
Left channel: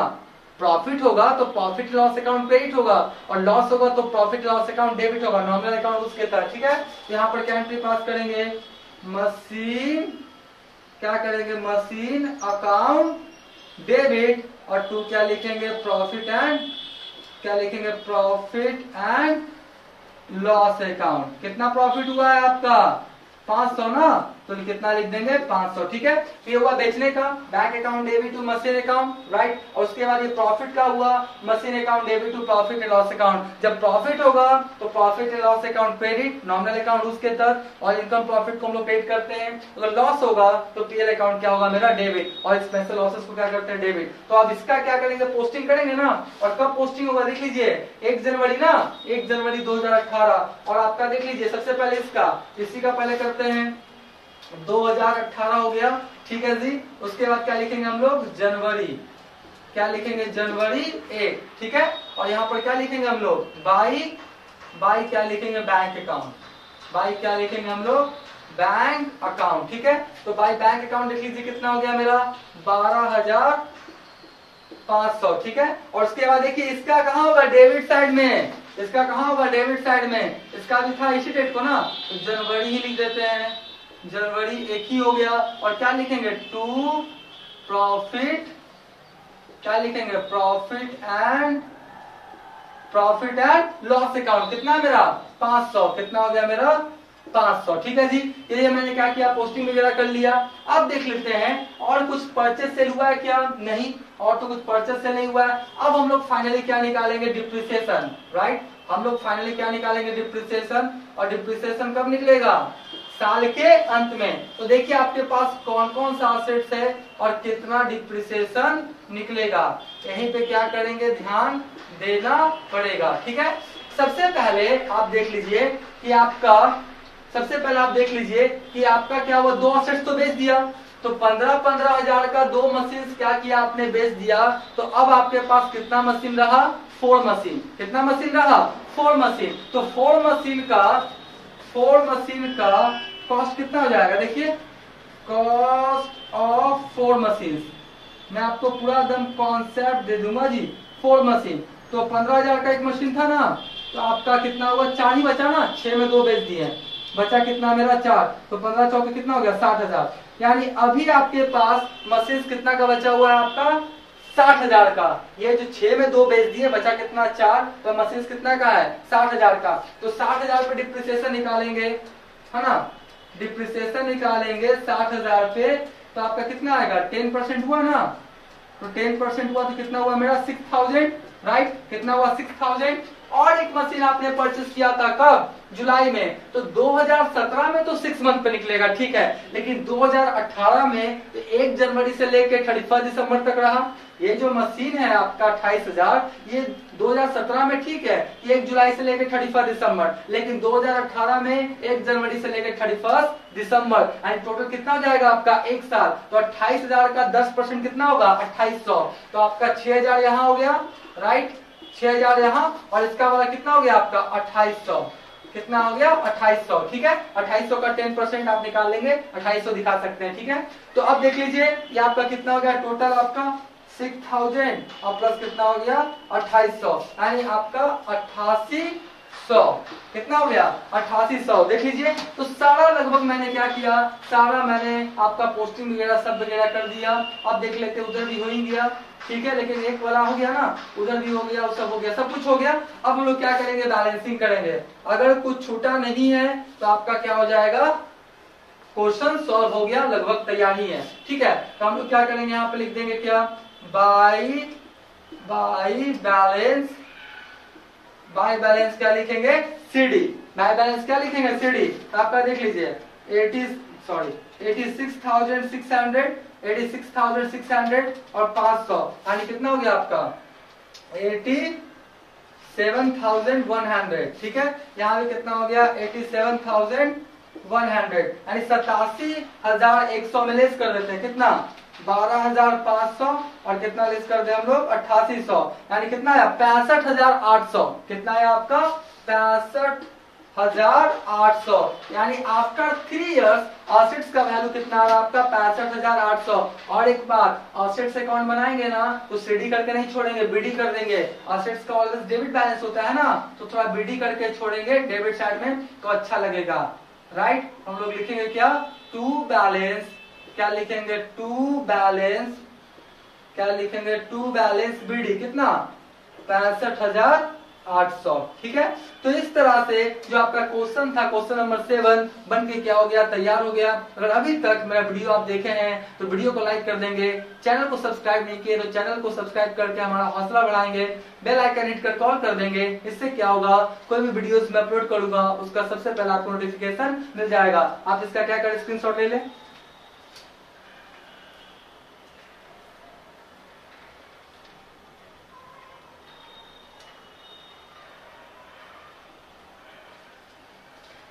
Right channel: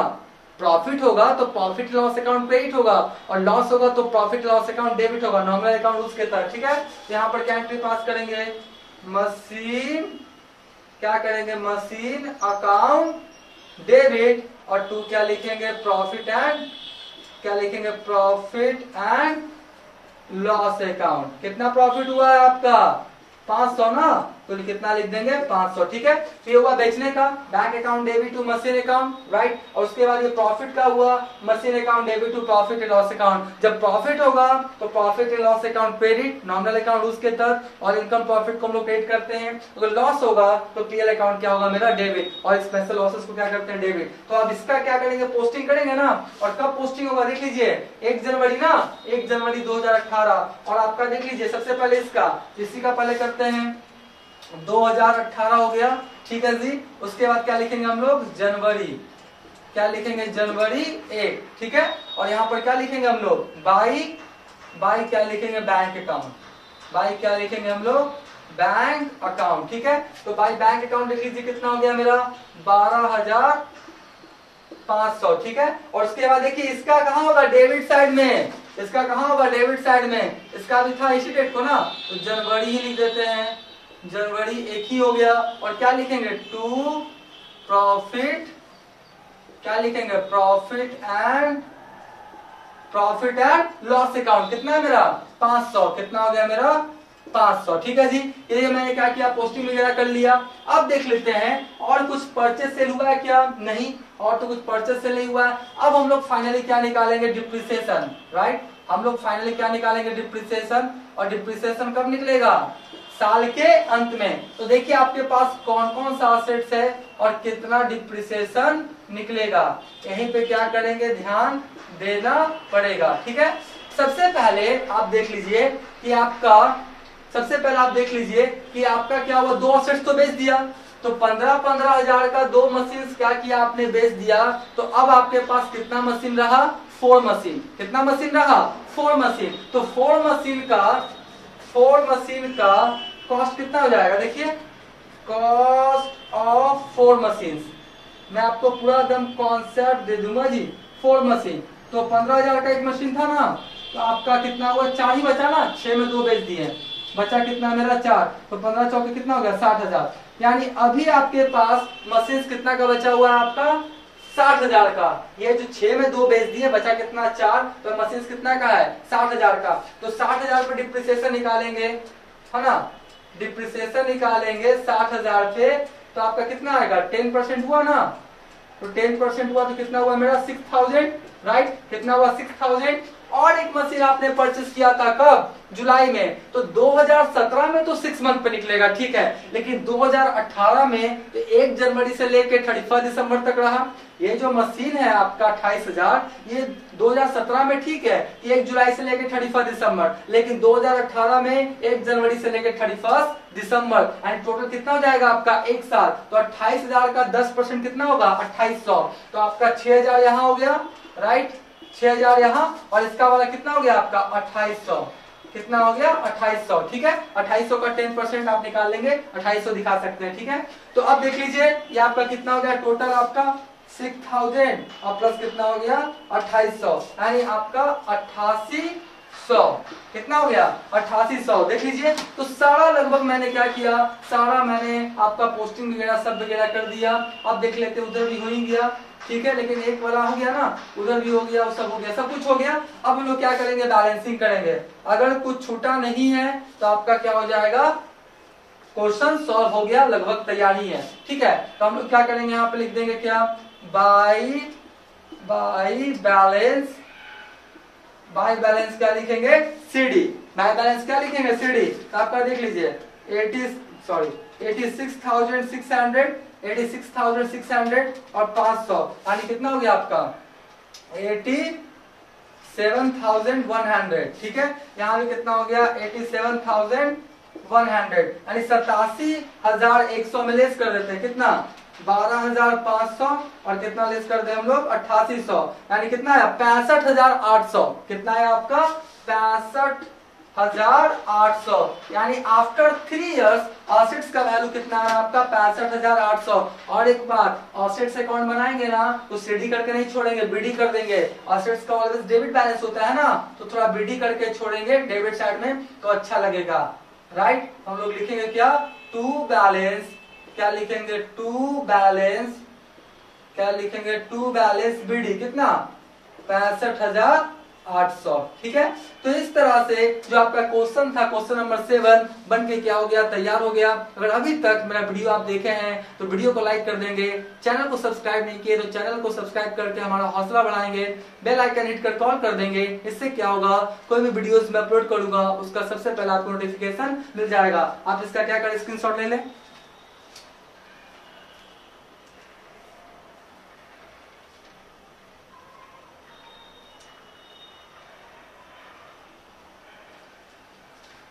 प्रॉफिट होगा तो प्रॉफिट लॉस अकाउंट क्रेडिट होगा, और लॉस होगा तो प्रॉफिट लॉस अकाउंट डेबिट होगा, नॉमिनल अकाउंट उसके तहत, ठीक है। यहाँ पर क्या एंट्री पास करेंगे मशीन, क्या करेंगे मशीन अकाउंट डेबिट, और टू क्या लिखेंगे प्रॉफिट एंड, क्या लिखेंगे प्रॉफिट एंड लॉस अकाउंट, कितना प्रॉफिट हुआ है आपका 500 ना, तो कितना लिख देंगे 500, ठीक है। तो ये हुआ बेचने का, bank account debit to machine account, right, और उसके बाद ये प्रॉफिट का हुआ machine account debit to profit and loss account, जब प्रॉफिट होगा तो profit and loss account credit, nominal account उसके तहत, और इनकम प्रॉफिट को हम लोग क्रेडिट करते हैं, अगर लॉस होगा तो पीएल अकाउंट क्या होगा मेरा डेबिट, और स्पेशल लॉसेस को क्या करते हैं डेबिट। तो अब इसका क्या करेंगे पोस्टिंग करेंगे ना, और कब पोस्टिंग होगा देख लीजिए 1 जनवरी ना, 1 जनवरी 2018, और आपका देख लीजिए सबसे पहले इसका, इसी का पहले करते हैं 2018 हो गया, ठीक है जी, उसके बाद क्या लिखेंगे हम लोग जनवरी, क्या लिखेंगे जनवरी 1, ठीक है, और यहाँ पर क्या लिखेंगे हम लोग बाई क्या लिखेंगे बैंक अकाउंट, बाई क्या लिखेंगे हम लोग बैंक अकाउंट, ठीक है। तो बाई बैंक अकाउंट लिख लीजिए कितना हो गया मेरा 12,500, ठीक है, और उसके बाद देखिए इसका कहाँ होगा डेबिट साइड में, इसका कहाँ होगा डेबिट साइड में, इसका भी था इसी डेट को ना, तो जनवरी ही लिख देते हैं, जनवरी 1 ही हो गया, और क्या लिखेंगे टू प्रॉफिट, क्या लिखेंगे प्रॉफिट एंड लॉस अकाउंट, कितना मेरा 500, कितना हो गया मेरा 500, ठीक है जी। ये मैंने क्या किया पोस्टिंग वगैरह कर लिया। अब देख लेते हैं और कुछ परचेस सेल हुआ है क्या, नहीं, और तो कुछ परचेस सेल नहीं हुआ है। अब हम लोग फाइनली क्या निकालेंगे डिप्रिसिएशन, राइट, हम लोग फाइनली क्या निकालेंगे डिप्रिसिएशन, और डिप्रिसिएशन कब निकलेगा साल के अंत में। तो देखिए आपके पास कौन कौन सा असेट्स है और कितना डिप्रिसिएशन निकलेगा, यहीं पे क्या करेंगे ध्यान देना पड़ेगा, ठीक है। सबसे पहले आप देख लीजिए कि आपका क्या हुआ, 2 असेट्स तो बेच दिया, तो 15-15 हजार का 2 मशीन क्या किया आपने बेच दिया, तो अब आपके पास कितना मशीन रहा 4 मशीन, कितना मशीन रहा 4 मशीन, तो 4 मशीन का कॉस्ट कितना हो जाएगा, देखिए कॉस्ट ऑफ 4 मशीन मैं आपको पूरा एकदम कॉन्सेप्ट दे दूंगा जी। 4 मशीन तो 15,000 का एक मशीन था ना, तो आपका कितना हुआ, 4 ही बचा ना, 6 में 2 बेच दिए, बचा कितना मेरा 4, तो 15 चौके कितना हो गया 60,000। यानी अभी आपके पास मशीन कितना का बचा हुआ है आपका 60,000 का। ये जो 6 में 2 बेच दिए, बचा कितना 4, तो मशीन कितना का है 60,000 का। तो 60,000 पे डिप्रिसिएशन निकालेंगे, है ना, डिप्रिसिएशन निकालेंगे 60,000 पे, तो आपका कितना आएगा 10% हुआ ना, तो 10% हुआ तो कितना हुआ मेरा 6,000, राइट, कितना हुआ 6,000। और एक मशीन आपने परचेस किया था कब, जुलाई में, तो 2017 में तो 6 मंथ पे निकलेगा, ठीक है, लेकिन 2018 में 1 जनवरी से लेके 31 दिसंबर तक रहा। ये जो मशीन है आपका 28,000, ये 2017 में ठीक है कि 1 जुलाई से लेकर 31 दिसंबर, लेकिन 2018 में 1 जनवरी से लेकर 31 दिसंबर, एंड टोटल कितना हो जाएगा आपका 1 साल। तो 28,000 का 10% कितना होगा 2800, तो आपका 6,000 यहाँ हो गया, राइट, 6,000 यहाँ, और इसका वाला कितना हो गया आपका 2800, कितना हो गया 2800, ठीक है। 2800 का 10% आप निकाल लेंगे, 2800 दिखा सकते हैं, ठीक है। तो अब देख लीजिए ये आपका कितना हो गया टोटल आपका 6,000 और प्लस कितना हो गया 2800, यानी आपका 8800, कितना हो गया 8800। देख लीजिए, तो सारा लगभग मैंने क्या किया, सारा मैंने आपका पोस्टिंग वगैरह सब वगैरह कर दिया। अब देख लेते उधर भी हो ही गया, ठीक है, लेकिन एक वाला हो गया ना, उधर भी हो गया, सब हो गया, सब कुछ हो गया। अब हम लोग क्या करेंगे, बैलेंसिंग करेंगे। अगर कुछ छूटा नहीं है तो आपका क्या हो जाएगा, क्वेश्चन सॉल्व हो गया, लगभग तैयार ही है, ठीक है। तो हम लोग क्या करेंगे, यहाँ पे लिख देंगे क्या, बाई बैलेंस, बाई बैलेंस क्या लिखेंगे सीडी, बाई बैलेंस क्या लिखेंगे सीडी। तो आपका देख लीजिए 86,600 और 500, यानी कितना हो गया आपका 87,100, ठीक है। यहाँ पे कितना हो गया 87,100, यानी 87,100 में लेस कर देते हैं, कितना 12,500, और कितना लेस कर दे हम लोग 8800, यानी कितना है 65,800, कितना है आपका 65,800, यानी आफ्टर 3 इयर्स असेट्स का वैल्यू कितना है आपका 65,800। और एक बार असेट्स अकाउंट बनाएंगे ना तो सीडी करके नहीं छोड़ेंगे, बीडी कर देंगे। असेट्स का ऑलवेज डेबिट बैलेंस होता है ना, तो थोड़ा बीडी करके छोड़ेंगे डेबिट साइड में, तो अच्छा लगेगा, राइट। हम लोग लिखेंगे क्या, टू बैलेंस, क्या लिखेंगे टू बैलेंस, क्या लिखेंगे टू बैलेंस बीडी, कितना 65,800, ठीक है। तो इस तरह से जो आपका क्वेश्चन था, क्वेश्चन नंबर 7 बन के क्या हो गया, तैयार हो गया। अगर अभी तक मेरा वीडियो आप देखे हैं तो वीडियो को लाइक कर देंगे, चैनल को सब्सक्राइब नहीं किए तो चैनल को सब्सक्राइब करके हमारा हौसला बढ़ाएंगे, बेल आइकन हिट कर कॉल कर देंगे। इससे क्या होगा, कोई भी वीडियोस मैं अपलोड करूंगा उसका सबसे पहले आपको नोटिफिकेशन मिल जाएगा। आप इसका क्या करें, स्क्रीनशॉट ले लें।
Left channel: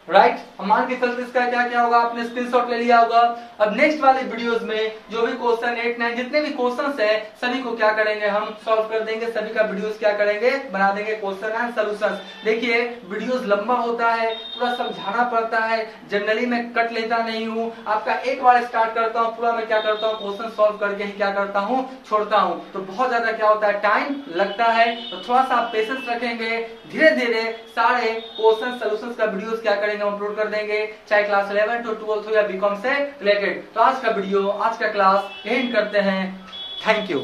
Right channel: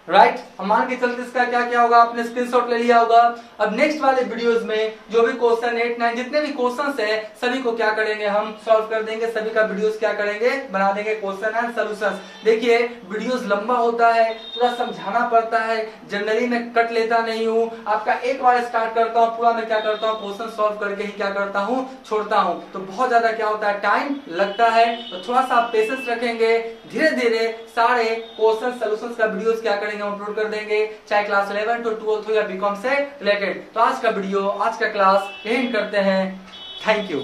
राइट, हम मान के चलते इसका क्या क्या होगा, आपने स्क्रीनशॉट ले लिया होगा। अब नेक्स्ट वाले वीडियोस में जो भी क्वेश्चन 8, 9 जितने भी क्वेश्चंस है सभी को क्या करेंगे, हम सॉल्व कर देंगे, सभी का वीडियोस क्या करेंगे, बना देंगे क्वेश्चन एंड सॉल्यूशंस। देखिए वीडियोस लंबा होता है, पूरा समझाना पड़ता है, जनरली मैं कट लेता नहीं हूँ। आपका एक बार स्टार्ट करता हूँ, पूरा मैं क्या करता हूँ, क्वेश्चन सॉल्व करके ही क्या करता हूँ, छोड़ता हूँ। तो बहुत ज्यादा क्या होता है, टाइम लगता है। तो थोड़ा सा आप पेशेंस रखेंगे, धीरे धीरे सारे क्वेश्चन सॉल्यूशंस का वीडियोस क्या करेंगे, हम अपलोड कर देंगे, चाहे क्लास 11 to 12 हो या बीकॉम से रिलेटेड। तो आज का वीडियो, आज का क्लास एंड करते हैं। Thank you.